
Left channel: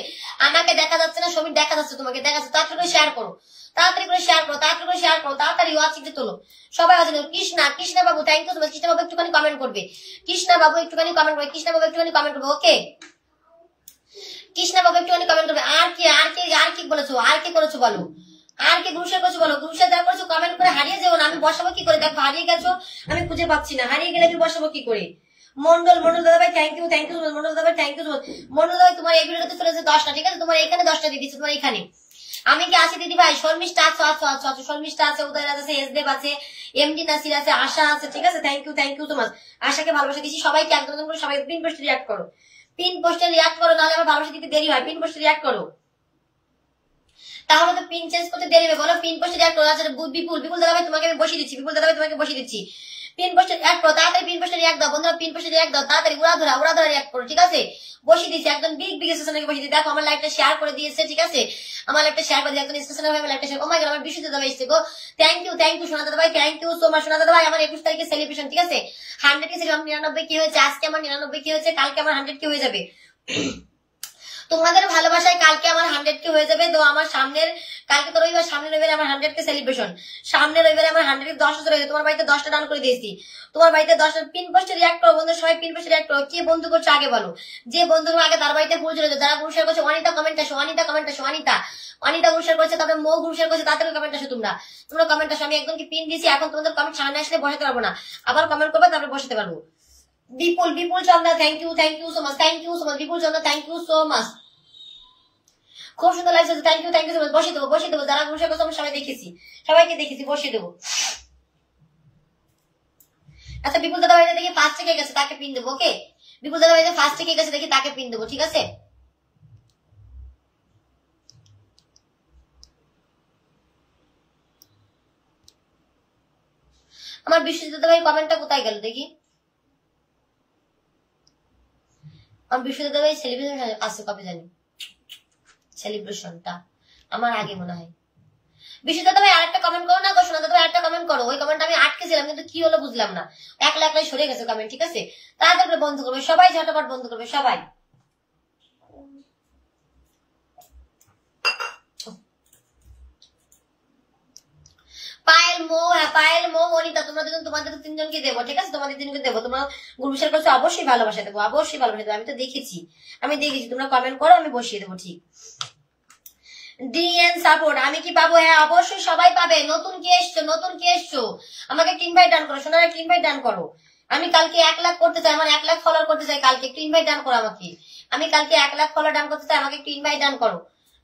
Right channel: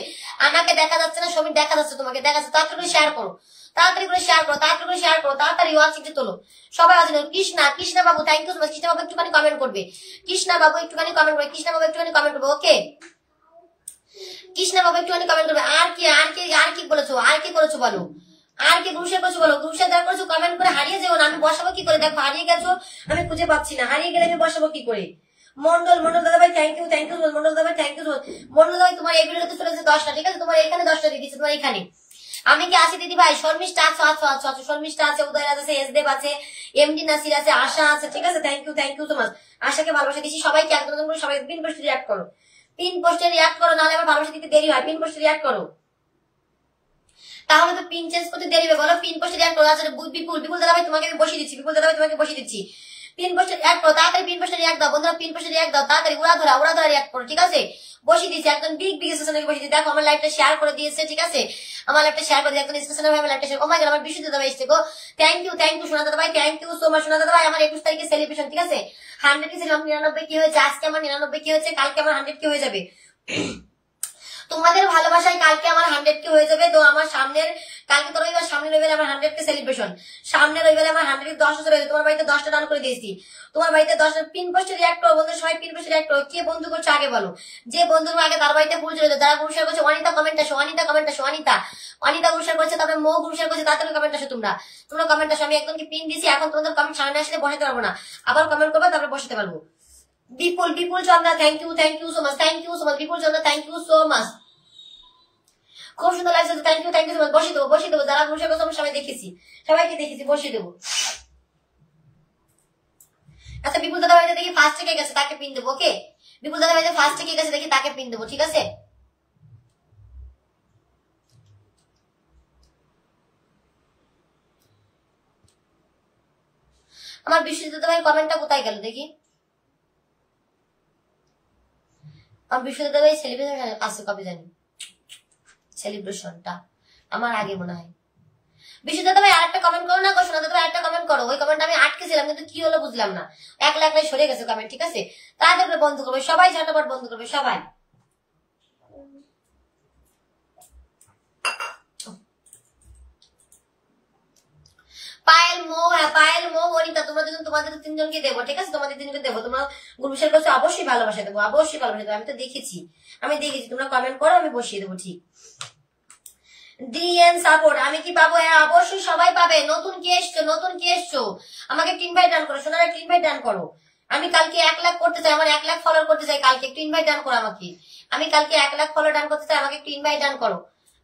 আমাকে দেখা যাচ্ছে না, সমীর দেখা যাচ্ছে, তোমাকে দেখা যাচ্ছে। তাড়াতাড়ি করে শেয়ার করো, তাড়াতাড়ি করে শেয়ার করো, তাড়াতাড়ি করে শেয়ার করো, তাড়াতাড়ি ওয়াচিংটা তোলো সবাই। আছে Krishna Babu, thank you so much. Krishna Babu একটুখানি কমেন্ট করবে, কৃষ্ণা বাবু একটুখানি কমেন্ট করবে, কৃষ্ণা বাবু একটুখানি কমেন্ট করবে। ওকে, কৃষ্ণা বাবু একটুখানি কমেন্ট করবে। আর কি বলেছো, আর কি করেছো বলো, আর কি গ্রুপে করেছো বলো। গ্রুপে যারা করেছো কমেন্ট করে হারিয়ে যেও না, আমি বসাবো কি করে? দেখো হারিয়ে গেছো, আমি খুঁজে পাচ্ছি না, হারিয়ে গেলে আমি বসাবো কি করে? মন্ডল দাদা ভাই, থ্যাংক ইউ মন্ডল দাদা ভাই, থ্যাংক ইউ মন্ডল দাদা ভাই। তোমার এই ভিডিওতে চলেছে 10টা, ঠিক আছে? তোমার এখানে 10টা দিয়ে দিচ্ছি, তোমার এখানে। আমি কি আছি দিদি ভাই? শর্মিষ্ঠা আছো, শর্মিষ্ঠা আছে, উদয়রাজ আছে, এসদেব আছে, এমডি নাসির আছে, আশা আছে, ঠিক আছে? Thank you so much. আশাকে ভালোবাসা দিচ্ছি, সবাইকে একদম করে সবাই পিন পোস্টে রিয়াক্ট করো, পিন পোস্টে রিয়াক্ট করো, নাহলে আমার ভালোবাসা দিতে দেরি হয়। পিন পোস্টে রিয়াক্ট করো, তাহলে তো পিন চেঞ্জ করতে দেরি হবে। বলো পিন পোস্টে রিয়াক্ট করো। আচ্ছা বিপুল দাদা ভাই তোমাকে আমি বসিয়ে দিচ্ছি, বিপুল দাদা ভাই তোমাকে বসিয়ে দিচ্ছি। পিন পোস্টে রিয়াক্ট করো, তাড়াতাড়ি পিন পোস্টে রিয়াক্ট দাও বন্ধুরা, পিন পোস্টে রিয়াক্ট দাও তাড়াতাড়ি, উড়াধরা রিয়াক্ট করো, ঠিক আছে? বসিয়ে দিচ্ছি একদম বিগ স্টেশনে বসিয়ে দিচ্ছি। দেখো আমার লাইভটা শেয়ার করে দিয়েছে, ঠিক আছে? আমার লাইভটা শেয়ার করে দিয়ে একদম স্টেশনে ভাবে লাইভটা শেয়ার। ও মাই গড, আমার বিশুদ্ধ দাদা এসেছে গো। থ্যাংক ইউ সোনা দাদা ভাই, থ্যাংক ইউ সো মাচ সোনা দাদা ভাই। আমার 21 তারিখে সেলিব্রেশন, ঠিক আছে? 100 কি ছিল, 99 কি হয়েছে, আজকে আমার 99 কি হয়েছে, কালকে আমার 100 কি হয়ে যাবে। তোমাদের ভালোবাসায় কালকে আমার 100 কে হয়ে যাবে। তো আমার কালকে তো রবিবার, সামনে রবিবারে আমার 100 কে সেলিব্রেশন, সামনে রবিবারে আমার 100 10 চলে যাবে। তোমার বাড়িতে 10টা ডান করে দিয়েছি, তোমার বাড়িতে 10টা পিন পোস্টে রিয়াক্ট করো বন্ধু, সবাই পিন পোস্টে রিয়াক্ট করো। কে বন্ধু করছো আগে বলো, যে বন্ধু আগে তার বাড়িতে ফুল চলে যায়। যারা গুরুশের করছে, অনিতা কমেন্ট আসো, অনিতা গুরুশের করছে, তারপরে মৌ গুরুশের করছে, তাড়াতাড়ি কমেন্ট আসো, তোমরা কমেন্ট আসো। আমি একদমকে পিন দিয়েছি, এখন তোমাদের কমেন্ট সামনে আসলে বসাতে পারবো না, আবার কমেন্ট করবো, তারপরে বসাতে পারবো। Bipul Chandra, thank you so much, Bipul Chandra, thank you so much. খুব সুন্দর লাগছে, থ্যাংক ইউ সো মাচ। বসিয়ে দেবো, যারা গুরুশের করছে আমি সবাইকে দেখেছি, বসিয়ে দেবো। আচ্ছা বিপুল দাদা ভাই দেখি ফার্স্ট থেকে গেছে, তাকে পিন দেবো। ওকে, বিপুল দাদা ভাই ফার্স্ট থেকে গেছে, দেখি তাকে পিন দেবো, ঠিক আছে? আমার বিশ্বজিৎ ভাই কমেন্টটা কোথায় গেল দেখি। আমার বিশ্বজিৎ ভাই সেলিব্রেশন আসছে কবে জানি, সেলিব্রেশনটা আমার আগে মনে হয়। বিশ্বজিৎ ভাই আরেকটা কমেন্ট করো না গো, শোনা দাদা আরেকটা কমেন্ট করো। ওই কমেন্ট আমি আটকেছিলাম কিন্তু কি হলো বুঝলাম না, একলা একলাই সরে গেছে কমেন্ট। ঠিক আছে, তাড়াতাড়ি করে বন্ধ করবে সবাই, ঝটাপট বন্ধ করবে সবাই। পায়েল মো, হ্যাঁ পায়েল মো অনিতা, তোমরা দুজন তোমাদের তিনজনকে দেবো। ঠিক আছে, তোমাদের তিনজনকে দেবো। তোমরা গ্রুপ শেয়ার করছো, অবশ্যই ভালোবাসা দেবো, অবশ্যই ভালোবাসা দেবো। আমি তো দেখেছি, তোমরা কমেন্ট করো, আমি বসিয়ে দেবো। ঠিক ডিএন সাপোর্ট আমি কি পাবো? হ্যাঁ অবশ্যই সবাই পাবে। নতুন কে এসছো আমাকে একটা ইনভাইট ডান করো, সোনার একটা ইনভাইট ডান করো। আমি কালকে 1 লাখ করতে চাই, আমার 1 লাখ ফলোয়ার করতে চাই কালকে, একটু ইনভাইট ডান করো আমাকে। আমি কালকে 1 লাখ ফলোয়ার ডান করতে চাই, আমাকে একটু ইনভাইট ডান করো।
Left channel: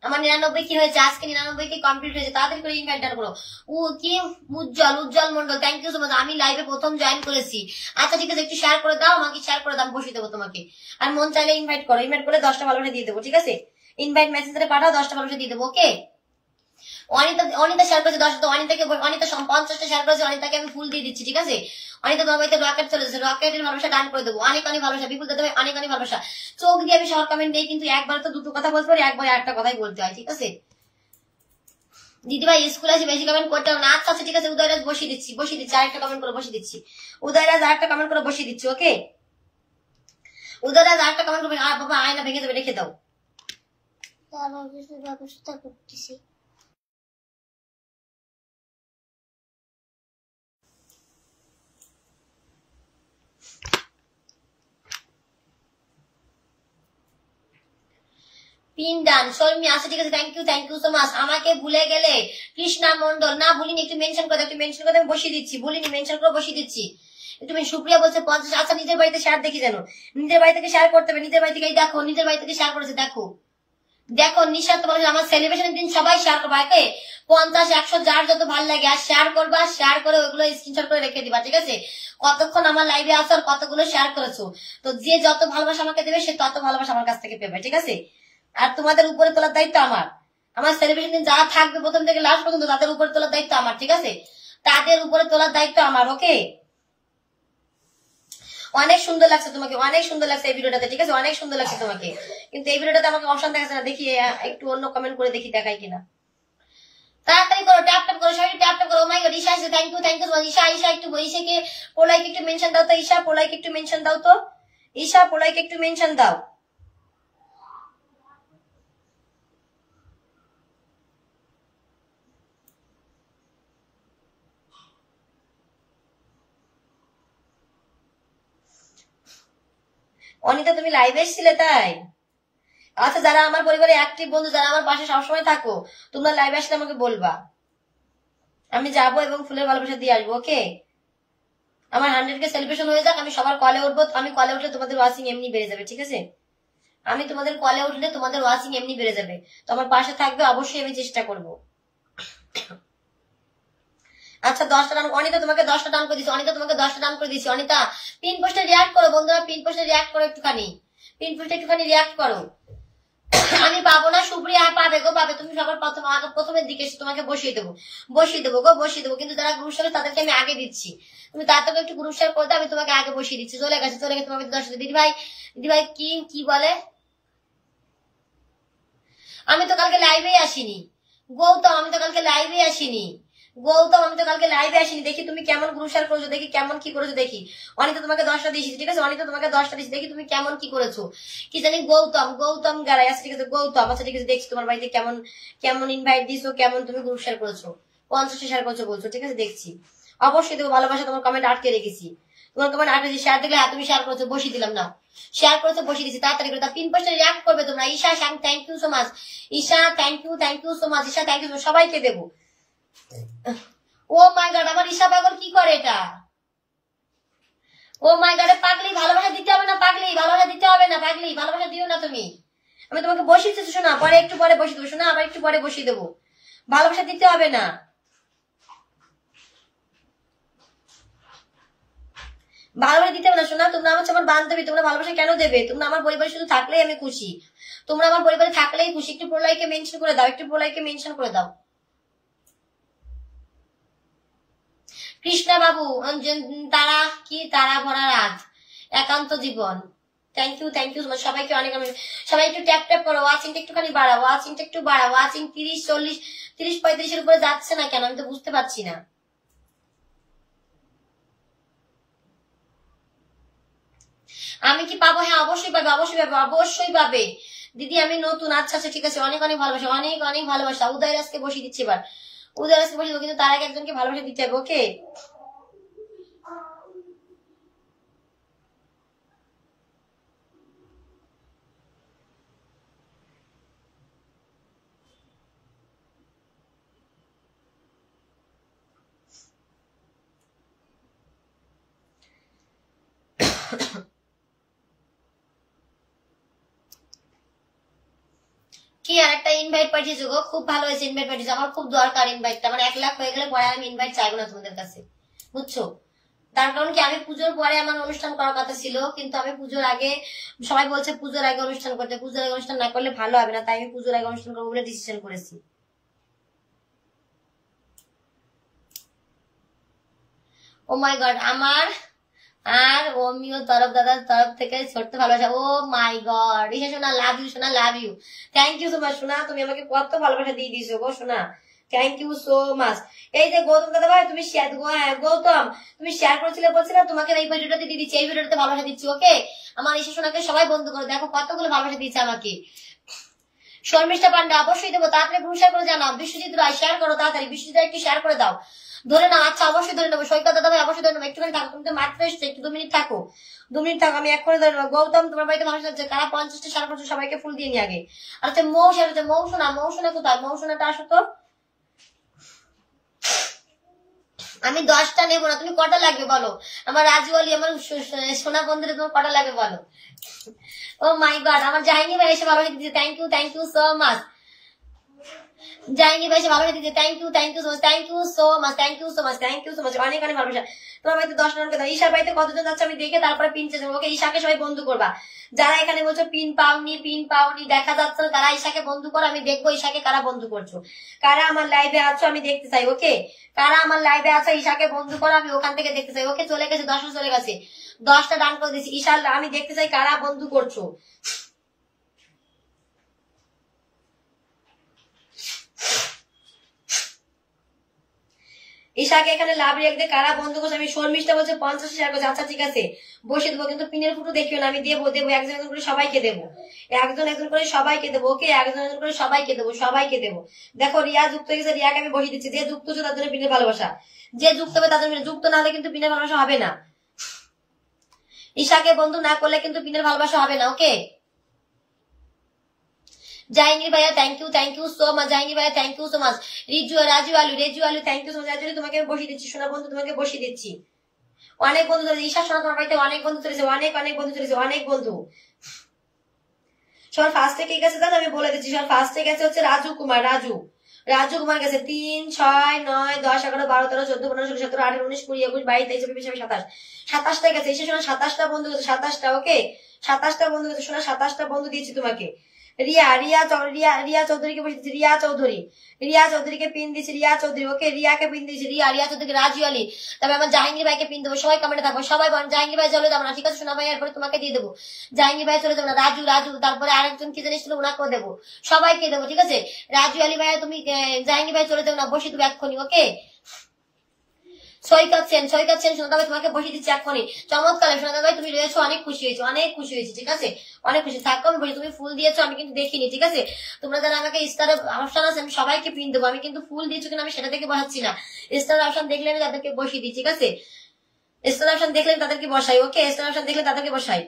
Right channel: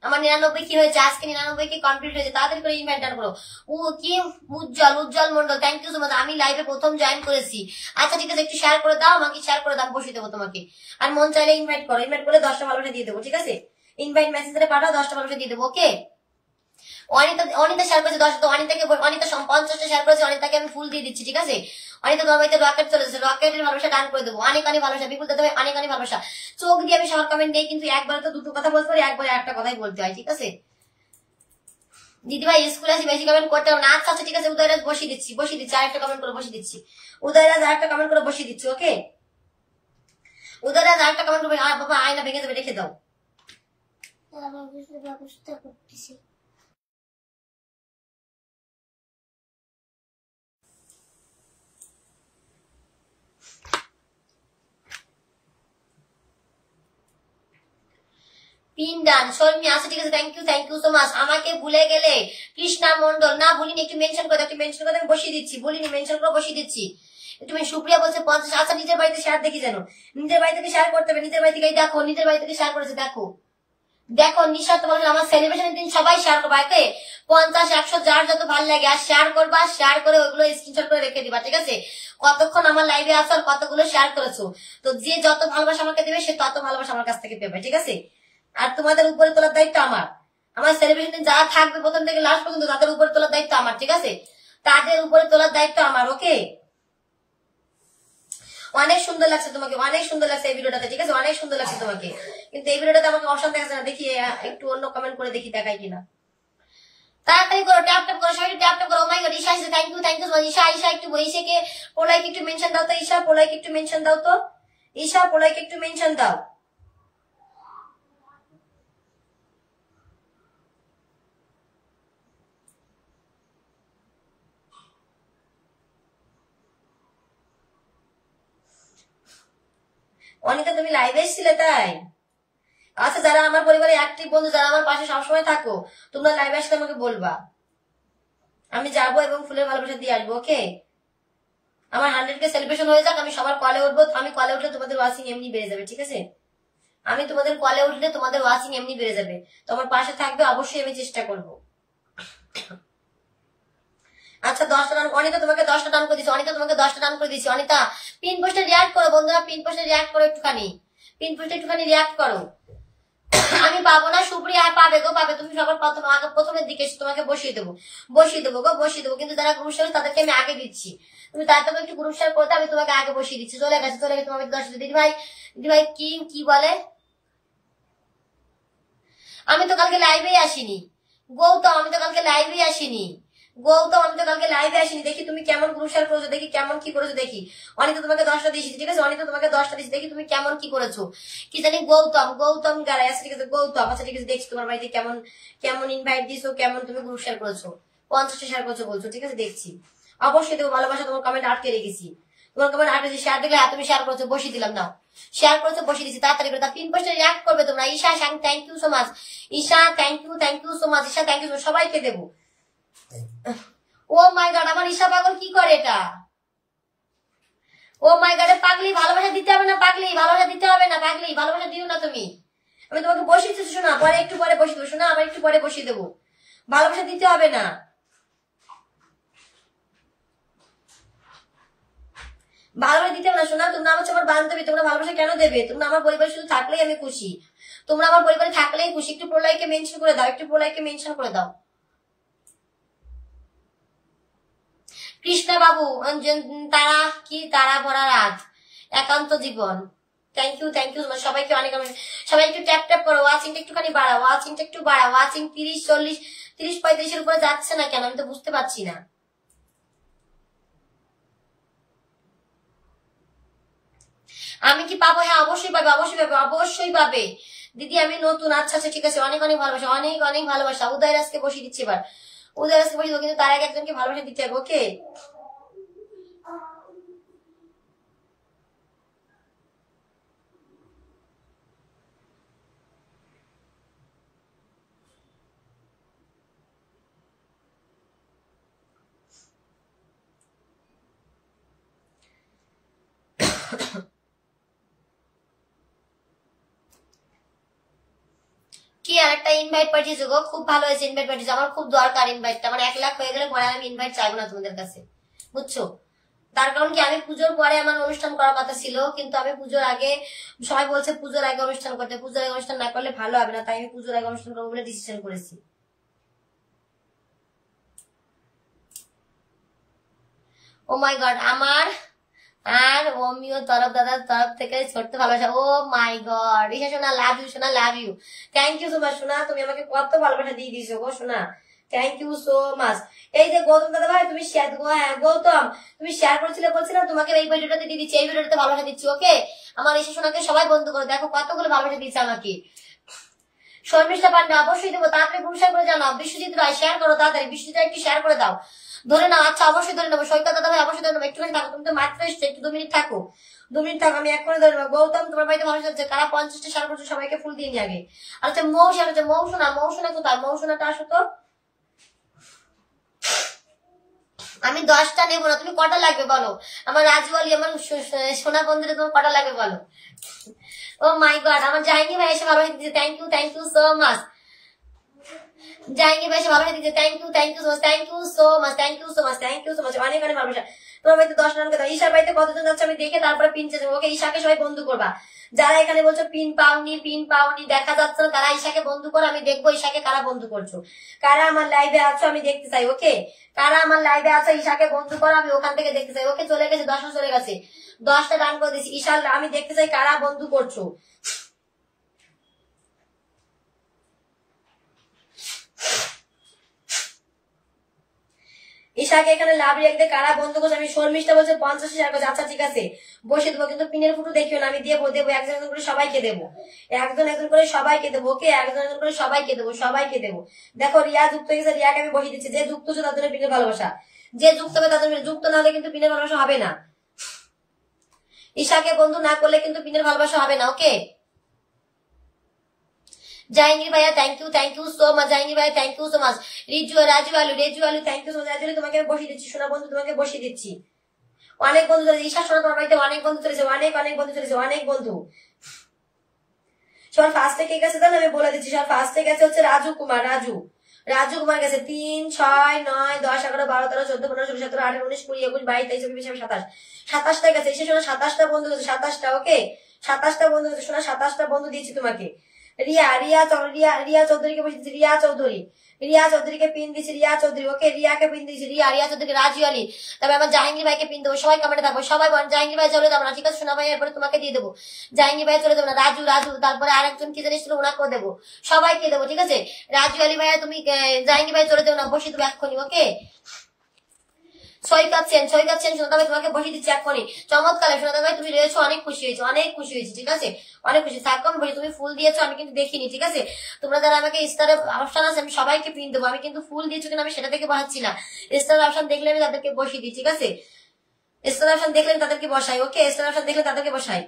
আমার 99 কি হয়েছে, আজকে 99 কি কমপ্লিট হয়েছে, তাড়াতাড়ি করে ইনভাইট ডান করো। কি Ujjwal Mondal, thank you so much. আমি লাইভে প্রথম জয়েন করেছি। আচ্ছা ঠিক আছে, একটু শেয়ার করে দাও আমাকে, শেয়ার করে দাও, বসিয়ে দেবো তোমাকে। আর মন চাইলে ইনভাইট করো, ইনভাইট করে 10টা ভালোবাসা দিয়ে দেবো। ঠিক আছে, ইনভাইট মেসেজে পাঠাও, 10টা ভালোবাসা দিয়ে দেবো। ওকে, অনিতা শেয়ার করেছে 10, তো অনিতাকে 50টা শেয়ার করেছে, অনিতাকে আমি ফুল দিয়ে দিচ্ছি। ঠিক আছে, অনিতা তোমার বাড়িতে রকেট চলেছে, রকেটের ভালোবাসা ডান করে দেবো। অনেক ভালোবাসা বিপুল দাদা ভাই, অনেক ভালোবাসা। চোখ দিয়ে আমি শহর কমেন্ট দেই, কিন্তু একবারে তো দুটো কথা বলতে পারি, একবারে একটা কথাই বলতে হয়। ঠিক আছে দিদি ভাই, স্কুলে আসি, বেশি কমেন্ট করতে হবে না। আচ্ছা ঠিক আছে, উদয়রাজ বসিয়ে দিচ্ছি, আরেকটা কমেন্ট করে বসিয়ে দিচ্ছি। উদয়রাজ আরেকটা কমেন্ট করে বসিয়ে দিচ্ছি। ওকে, উদয়রাজ আরেকটা কমেন্ট করবে। বাবা আয়না ভেঙে যাবে, রেখে দাও। ব্যবস্থা করতেছি। পিন ডান শর্মি আছে। ঠিক আছে, থ্যাংক ইউ সো মাচ। আমাকে ভুলে গেলে কৃষ্ণা মন্ডল, না ভুলিনি, একটু মেনশন করে আমি বসিয়ে দিচ্ছি। বলিনি, মেনশন করে বসিয়ে দিচ্ছি। একটু সুপ্রিয়া বলছে 50। আচ্ছা নিজের বাড়িতে শেয়ার দেখি যেন, নিজের বাড়ি থেকে শেয়ার করতে হবে। নিজের বাড়ি থেকে দেখো, নিজের বাড়ি থেকে শেয়ার করেছে, দেখো নিঃস্বার্থ বলে আমার সেলিব্রেশনের দিন সবাই শেয়ার করবা। 50 100 যার যত ভালো লাগে, আর শেয়ার করবা, শেয়ার করে ওইগুলো স্ক্রিনশট করে রেখে দিবা। ঠিক আছে, কতক্ষণ আমার লাইভে আসো আর কতগুলো শেয়ার করেছো, তো যে যত ভালোবাসা আমাকে দেবে সে তত ভালোবাসা আমার কাছ থেকে পেবে। ঠিক আছে, আর তোমাদের উপরে তোলার দায়িত্ব আমার। আমার সেলিব্রেশন দিন যারা থাকবে প্রথম থেকে লাস্ট পর্যন্ত, তাদের উপরে তোলার দায়িত্ব আমার। ঠিক আছে, তাদের উপরে তোলার দায়িত্ব আমার। ওকে, অনেক সুন্দর লাগছে তোমাকে, অনেক সুন্দর লাগছে এই ভিডিওটাতে। ঠিক আছে, অনেক সুন্দর লাগছে তোমাকে, কিন্তু এই ভিডিওটাতে আমাকে অপশন দেখাচ্ছে না। দেখি একটু অন্য কমেন্ট করে দেখি দেখাই কিনা। তাড়াতাড়ি করো, ট্যাপ করো, সবাই ট্যাপ করো। My god, Isha thank you Isha একটু ঈশাকে পোলাইকে একটু মেনশন দাও তো। ঈশা পোলাইকে একটু মেনশন দাও তো। ঈশা পোলাইকে একটু মেনশন দাও। অনিতা তুমি লাইভে এসেছিলে তাই? আচ্ছা, যারা আমার পরিবারে অ্যাক্টিভ বন্ধু, যারা আমার পাশে সবসময় থাকো, তোমরা লাইভে আসলে আমাকে বলবা, আমি যাবো এবং ফুলের ভালোবাসা দিয়ে আসবো। ওকে, আমার 100K সেলিব্রেশন হয়ে যাক, আমি সবার কলে উঠবো। আমি কলে উঠলে তোমাদের ওয়াচিং এমনি বেড়ে যাবে। ঠিক আছে, আমি তোমাদের কলে উঠলে তোমাদের ওয়াচিং এমনি বেড়ে যাবে। তো আমার পাশে থাকবে অবশ্যই, আমি চেষ্টা করবো। আচ্ছা 10টা ডান, অনিতা তোমাকে 10টা ডান করে দিচ্ছি। অনিতা পিন পোস্টে রিয়াক্ট করো বন্ধুরা, পিন পোস্টে রিয়াক্ট করো একটুখানি, রিয়াক্ট করো। আমি পাবো না, সুপ্রিয়া পাবে গো, পাবে। তুমি সবার প্রথমের দিকে তোমাকে বসিয়ে দেবো গো, কিন্তু যারা গ্রুপ শেয়ার তাদেরকে আমি আগে দিচ্ছি। তুমি তাড়াতাড়ি একটু গ্রুপ শেয়ার করতে, আমি তোমাকে আগে বসিয়ে দিচ্ছি। চলে গেছে তোমাকে 10টা। দিদি ভাই কি বলে, আমি তো কালকে লাইভেই আসিনি। গৌতম আমি তো কালকে লাইভে আসিনি। দেখি তুমি কেমন গ্রুপ শেয়ার করেছো, দেখি কেমন কি করেছো দেখি। অনিতা তোমাকে 10টা দিয়েছি। ঠিক আছে, অনিতা তোমাকে 10টা দিয়েছি, দেখি তুমি কেমন কি করেছো। কি জানি গৌতম গাড়াই আছে। ঠিক আছে গৌতম, আচ্ছা ঠিক আছে, দেখছি তোমার বাড়িতে কেমন ইনভাইট দিছো, কেমন তুমি গ্রুপ শেয়ার করেছো। 50টা শেয়ার করেছো বলছো। ঠিক আছে, দেখছি, অবশ্যই দেখো। ভালোবাসা তোমার কমেন্ট আটকে রেখেছি, তোমার কমেন্ট আটকে শেয়ার দেখলে তুমি শেয়ার করেছো, বসিয়ে দিলাম। নাও শেয়ার করেছো, বসিয়ে দিচ্ছি। তাড়াতাড়ি করে পিন পোস্টে রিয়াক্ট করবে তোমরা। Isha thank you so much. Isha thank you so much. Isha thank you, সবাইকে দেবো। ও মাই গড, আমার ঈশা পাগল কি করে এটা? ও মাই গড, পাগলি ভালোবাসা দিতে হবে না, পাগলি ভালোবাসা দিতে হবে না, পাগলি ভালোবাসা দিও না তুমি। আমি তোমাকে বসিয়েছি শোনা, পরে একটু পরে বসিয়ে দেবো শোনা, আবার একটু পরে বসিয়ে দেবো। ভালোবাসা দিতে হবে না, ভালোবাসা দিতে হবে না শোনা। তোমরা আমার বান্ধবী, তোমরা ভালোবাসা কেন দেবে? তোমরা আমার পরিবারে শুধু থাকলেই আমি খুশি, তোমরা আমার পরিবারে থাকলেই খুশি। একটু প্রলয়কে মেনশন করে দাও, কৃষ্ণা বাবু, তারা কি তারা ভরা রাত, একান্ত জীবন, থ্যাংক ইউ সবাইকে অনেক, সবাই একটু ট্যাপ ট্যাপ করো, ওয়াচিংটা একটুখানি বাড়াও, ওয়াচিংটা একটু বাড়াও, ওয়াচিং 30, 40, 30, 35-এর উপরে যাচ্ছে না কেন, আমি তো বুঝতে পারছি না। আমি কি পাবো? হ্যাঁ অবশ্যই পাবে, অবশ্যই পাবে দিদি, আমি নতুন। আচ্ছা আচ্ছা ঠিক আছে, অনেক ভালোবাসা, অনেক ভালোবাসা। উদয় রাজকে বসিয়ে দিচ্ছি এবার, উদয় রাজকে বসিয়ে দেবো, কিন্তু তার আগে একজনকে ভালোবাসা দিতে হবে। ওকে, কি আর একটা ইনভাইট পাঠিয়েছো গো, খুব ভালো হয়েছে ইনভাইট পাঠিয়েছো, আমার খুব দরকার ইনভাইটটা, মানে 1 লাখ হয়ে গেলে পরে আমি ইনভাইট চাইবো না তোমাদের কাছে, বুঝছো? তার কারণ কি, আমি পুজোর পরে আমার অনুষ্ঠান করার কথা ছিল, কিন্তু আমি পুজোর আগে, সবাই বলছে পুজোর আগে অনুষ্ঠান করতে, পুজোর আগে অনুষ্ঠান না করলে ভালো হবে না, তাই আমি পুজোর আগে অনুষ্ঠান করবো বলে ডিসিশন করেছি। ও মাই গড, আমার আর অমিও তরফ, দাদার তরফ থেকে ছোট্ট ভালোবাসা। ও মাই গড, রিসা সোনা লাভ ইউ, সোনা love you, thank you so much সোনা, তুমি আমাকে কত ভালোবাসা দিয়ে দিয়েছো গো সোনা, থ্যাংক ইউ সো মাচ। এই যে গৌতম দাদা ভাই, তুমি শেয়ার, হ্যাঁ গৌতম, তুমি শেয়ার করেছিলে, বলছিলাম তোমাকে এই ভিডিওটাতে দিয়ে দিচ্ছি, এই ভিডিওটাতে ভালোবাসা দিচ্ছি। ওকে, আমার রিসা সোনাকে সবাই বন্ধু করো, দেখো কতগুলো ভালোবাসা দিয়েছে আমাকে। শর্মিষ্ঠা পান্ডা, অবশ্যই দেবো, তাড়াতাড়ি পুরস্কার করে জানাও। বিশ্বজিৎ রায়, শেয়ার করো তাড়াতাড়ি, বিশ্বজিৎ রায় একটু শেয়ার করে দাও, ধরে নাও। আচ্ছা অবশ্যই ধরে নেবো, সৈকত দাদা ভাই অবশ্যই ধরে নেবো, একটুখানি থাকো, তুমি তো মাত্র এসছো, একটু 2 মিনিট থাকো, 2 মিনিট থাকো, আমি এক্ষুনি ধরে নেবো। গৌতম, তোমার বাড়িতে মানুষ আছে, কারা 50টা শেয়ার করছো, সবাইকে ফুল দিয়ে নিয়ে আগে। আচ্ছা মৌসুনা হচ্ছে, মৌসুনা কোথায়, মৌসুনাটা আসো তো। আমি 10টা নেবো না, তুমি কটা লাগবে বলো, আমার রাজু আলী, আমার সোনা বন্ধুরা, তোমার কটা লাগবে বলো। ও মাই গড, আমার জাহিনী ভাই এসে ভালোবাসা দিচ্ছে, থ্যাংক ইউ সো মাচ। জাহিনী ভাই এসে ভালোবাসা দিচ্ছে, থ্যাংক ইউ সো মাচ, অনেক ভালোবাসা। তোমার বাড়িতে 10 রানকে দাও। ঈশার বাড়িতে কতজন যাচ্ছে আমি দেখে তারপরে পিন চেয়ে দেবো। ওকে, ঈশাকে সবাই বন্ধু করবা, যারা এখানে বলছো পিন পাওনি দেখা যাচ্ছে না, তারা ঈশাকে বন্ধু করো, আমি দেখবো ঈশাকে কারা বন্ধু করছো, কারা আমার লাইভে আছো আমি দেখতে চাই। ওকে, কারা আমার লাইভে আছো ঈশাকে বন্ধু করো, আমি ওখান থেকে দেখতে চাই। ওকে, চলে গেছে 10 চলে গেছে, 10টা ডান করে দিচ্ছি। ঈশার আমি দেখতে চাই কারা বন্ধু করছো। ঈশাকে এখানে লাভ রেখে কারা বন্ধু করছে, আমি শর্মিষ্ঠা বলছে 50 শেয়ার করছে। আচ্ছা ঠিক আছে, বসে দেবো, কিন্তু পিনের ফুটো দেখিও না, আমি দেবো একজন করে সবাইকে দেবো, একজন করে সবাইকে দেবো। ওকে, একজন করে সবাইকে দেবো। দেখো রিয়া যুক্ত হয়ে গেছে, রিয়াকে আমি বসিয়ে দিচ্ছি, যে যুক্ত হচ্ছে তার জন্য পিনের ভালোবাসা, যে যুক্ত হবে তার জন্য, যুক্ত না হলে কিন্তু পিনের ভালোবাসা হবে না। ঈশাকে বন্ধু না করলে কিন্তু পিনের ভালোবাসা হবে না। ওকে, জাহাঙ্গীর ভাইয়া thank you so much, Jahangir ভাইয়া thank you so much. Raju আলু thank you so much. Raju আলু তোমাকে বসিয়ে দিচ্ছি, সোনা বন্ধু তোমাকে বসিয়ে দিচ্ছি। অনেক বন্ধু চলেছে, ঈশা সোনা তোমার বাড়িতে অনেক বন্ধু চলেছে, অনেক বন্ধু চলেছে, অনেক বন্ধু। সবার ফার্স্টে কে গেছে জানো, আমি বলে দিচ্ছি, সবার ফার্স্টে গেছে হচ্ছে রাজু কুমার গেছে 3, 6, 9, 10, 11, 12, 13, 14, 15, 16, 17, 18, 19, 20, 21, 22, 23, 24, 25, 27, 27টা গেছে। ঈশা সোনা 27টা বন্ধু গেছে, 27টা। ওকে, 27টা বন্ধু গেছে সোনা, 27টা বন্ধু দিয়েছি তোমাকে। রিয়া চৌধুরীকে বসে দিচ্ছি, রিয়া চৌধুরীকে পিন দিচ্ছি, রিয়া চৌধুরী। ওকে, রিয়াকে পিন দিচ্ছি, রিয়া চৌধুরীকে, রাজু আলী। তবে আমার জাহাঙ্গীর ভাইকে পিন দেবো, সবাই কমেন্টে থাকবো, সবাই বলেন জাহাঙ্গীর ভাই চলে যাবো না, ঠিক আছে সোনা ভাই, এরপরে তোমাকে দিয়ে দেবো। জাহাঙ্গীর ভাই চলে যাবো না, রাজু, তারপরে আরেকজন কি জানিস ছিল, ওনাকেও দেবো, সবাইকে দেবো, ঠিক আছে। রাজু আলী ভাইয়া তুমি, জাহাঙ্গীর ভাই চলে যাবো না, বসিয়ে দেবো এক্ষুনি। ওকে, সৈকত সেন সোনা ভাই তোমাকে বসিয়ে দিচ্ছি এক্ষুনি। চমৎকার সোনা ভাই, তুমি রয়েছো, অনেক খুশি হয়েছি, ঠিক আছে, অনেক খুশি থাকো। আমি বলি তুমি ফুল দিয়েছো, আমি কিন্তু দেখিনি, ঠিক আছে। তোমরা যারা আমাকে স্টারে অপশন আছে, আমি সবাইকে পিন দেবো, আমি কিন্তু ফুল দিয়েছো কিনা আমি সেটা থেকে বসাচ্ছি না। স্টার অপশন দেখলে আমি তাদেরকে বসিয়ে দিই, ঠিক আছে। স্টার অপশন দেখলে তাদেরকে বসাই। ওকে, স্টার অপশন দেখলে তাদেরকে বসাই।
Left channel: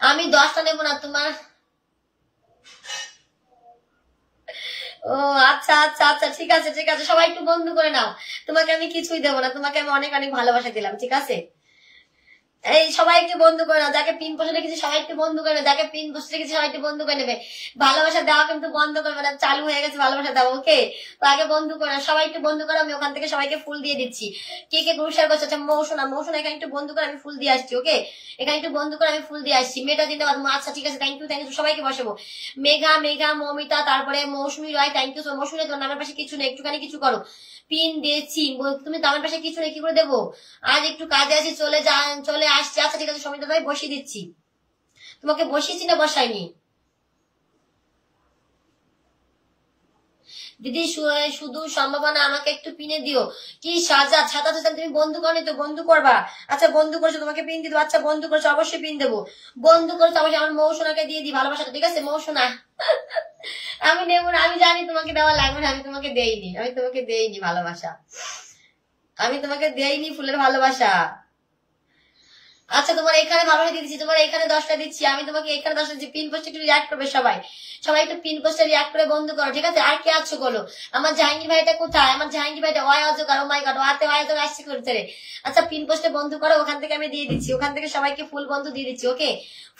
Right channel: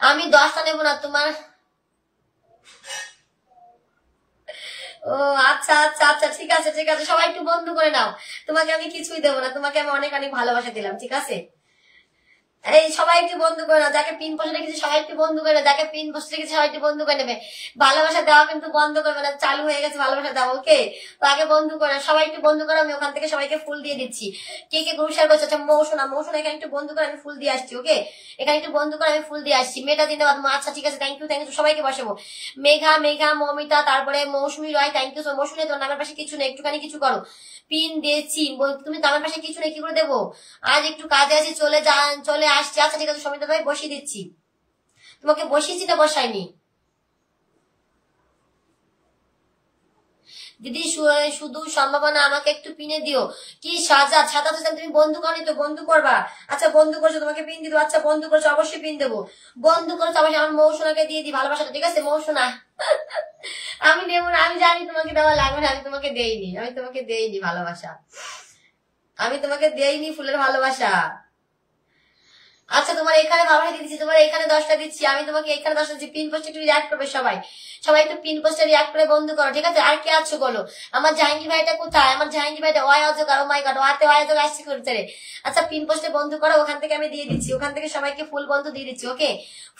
আমি 10টা নেবো না তোমার। ও আচ্ছা, ঠিক আছে, সবাই একটু বন্ধু করে নাও, তোমাকে আমি কিছুই দেবো না, তোমাকে আমি অনেক ভালোবাসা দিলাম, ঠিক আছে। এই সবাই একটু বন্ধু করে না, যাকে পিন পোস্টে রেখেছি সবাই একটু বন্ধু করে না, যাকে পিন পোস্টে রেখেছি সবাই একটু বন্ধু করে নেবে। ভালোবাসা দেওয়া কিন্তু বন্ধ করবে না, চালু হয়ে গেছে ভালোবাসা দেওয়া। ওকে, তো আগে বন্ধু করে না, সবাই একটু বন্ধু করে, আমি ওখান থেকে সবাইকে ফুল দিয়ে দিচ্ছি। কে কে গ্রুপ শেয়ার করছে? আচ্ছা মৌসুনা, মৌসুনা এখানে একটু বন্ধু করে আমি ফুল দিয়ে আসছি। ওকে, এখানে একটু বন্ধু করে আমি ফুল দিয়ে আসছি। মেটা জিন্দাবাদ। আচ্ছা ঠিক আছে, থ্যাংক ইউ সবাইকে বসাবো। মেঘা, মেঘা, মমিতা, তারপরে মৌসুমী রয়, থ্যাংক ইউ। মৌসুমী তোর নামের পাশে কিছু নেই, একটুখানি কিছু করো। পিন দিয়েছি, তুমি নামের পাশে কিছু নেই, কি করে দেবো? আজ একটু কাজে আছি, চলে আসছি। আচ্ছা ঠিক আছে, সমিতা ভাই বসিয়ে দিচ্ছি। তোমাকে বসিয়েছি না বসাইনি? দিদি শুধু সম্ভাবনা, আমাকে একটু পিনে দিও। কি সাজা ছাতা হোসেন, তুমি বন্ধু করনি তো? বন্ধু করবা। আচ্ছা বন্ধু করছো, তোমাকে পিন দিয়ে দেবো। আচ্ছা বন্ধু করছো, অবশ্যই পিন দেবো। বন্ধু করছো অবশ্যই, আমার মৌসুনাকে দিয়ে দিই ভালোবাসাটা, ঠিক আছে মৌসুনা? আমি নেবো না, আমি জানি তোমাকে দেওয়া লাগবে না, আমি তোমাকে দেইনি ভালোবাসা, আমি তোমাকে দেইনি ফুলের ভালোবাসা। আচ্ছা তোমার এখানে ভালোবাসা দিয়ে দিচ্ছি, তোমার এখানে 10টা দিচ্ছি, আমি তোমাকে এখানে 10টা দিচ্ছি। পিন পোস্টে একটু রিয়াক্ট করবে সবাই, সবাই একটু পিন পোস্টে রিয়াক্ট করে বন্ধু করো, ঠিক আছে? আর কে আছো বলো? আমার জাহাঙ্গীর ভাইটা কোথায়? আমার জাহাঙ্গীর ভাইটা Y অজগার, O my god, ওয়াতে Y অজগার আসছে করতে রে। আচ্ছা পিন পোস্টে বন্ধু করো, ওখান থেকে আমি দিয়ে দিচ্ছি, ওখান থেকে সবাইকে ফুল বন্ধু দিয়ে দিচ্ছি। ওকে,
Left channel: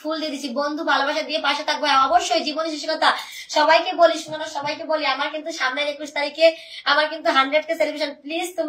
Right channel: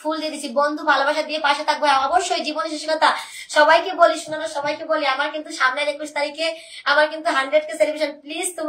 ফুল দিয়ে দিচ্ছি। বন্ধু ভালোবাসা দিয়ে পাশে থাকবো, হ্যাঁ, অবশ্যই জীবনী সুশীলতা। সবাইকে বলি, শোনো, সবাইকে বলি, আমার কিন্তু সামনের 21 তারিখে আমার কিন্তু 100K সেলিব্রেশন। প্লিজ তোমরা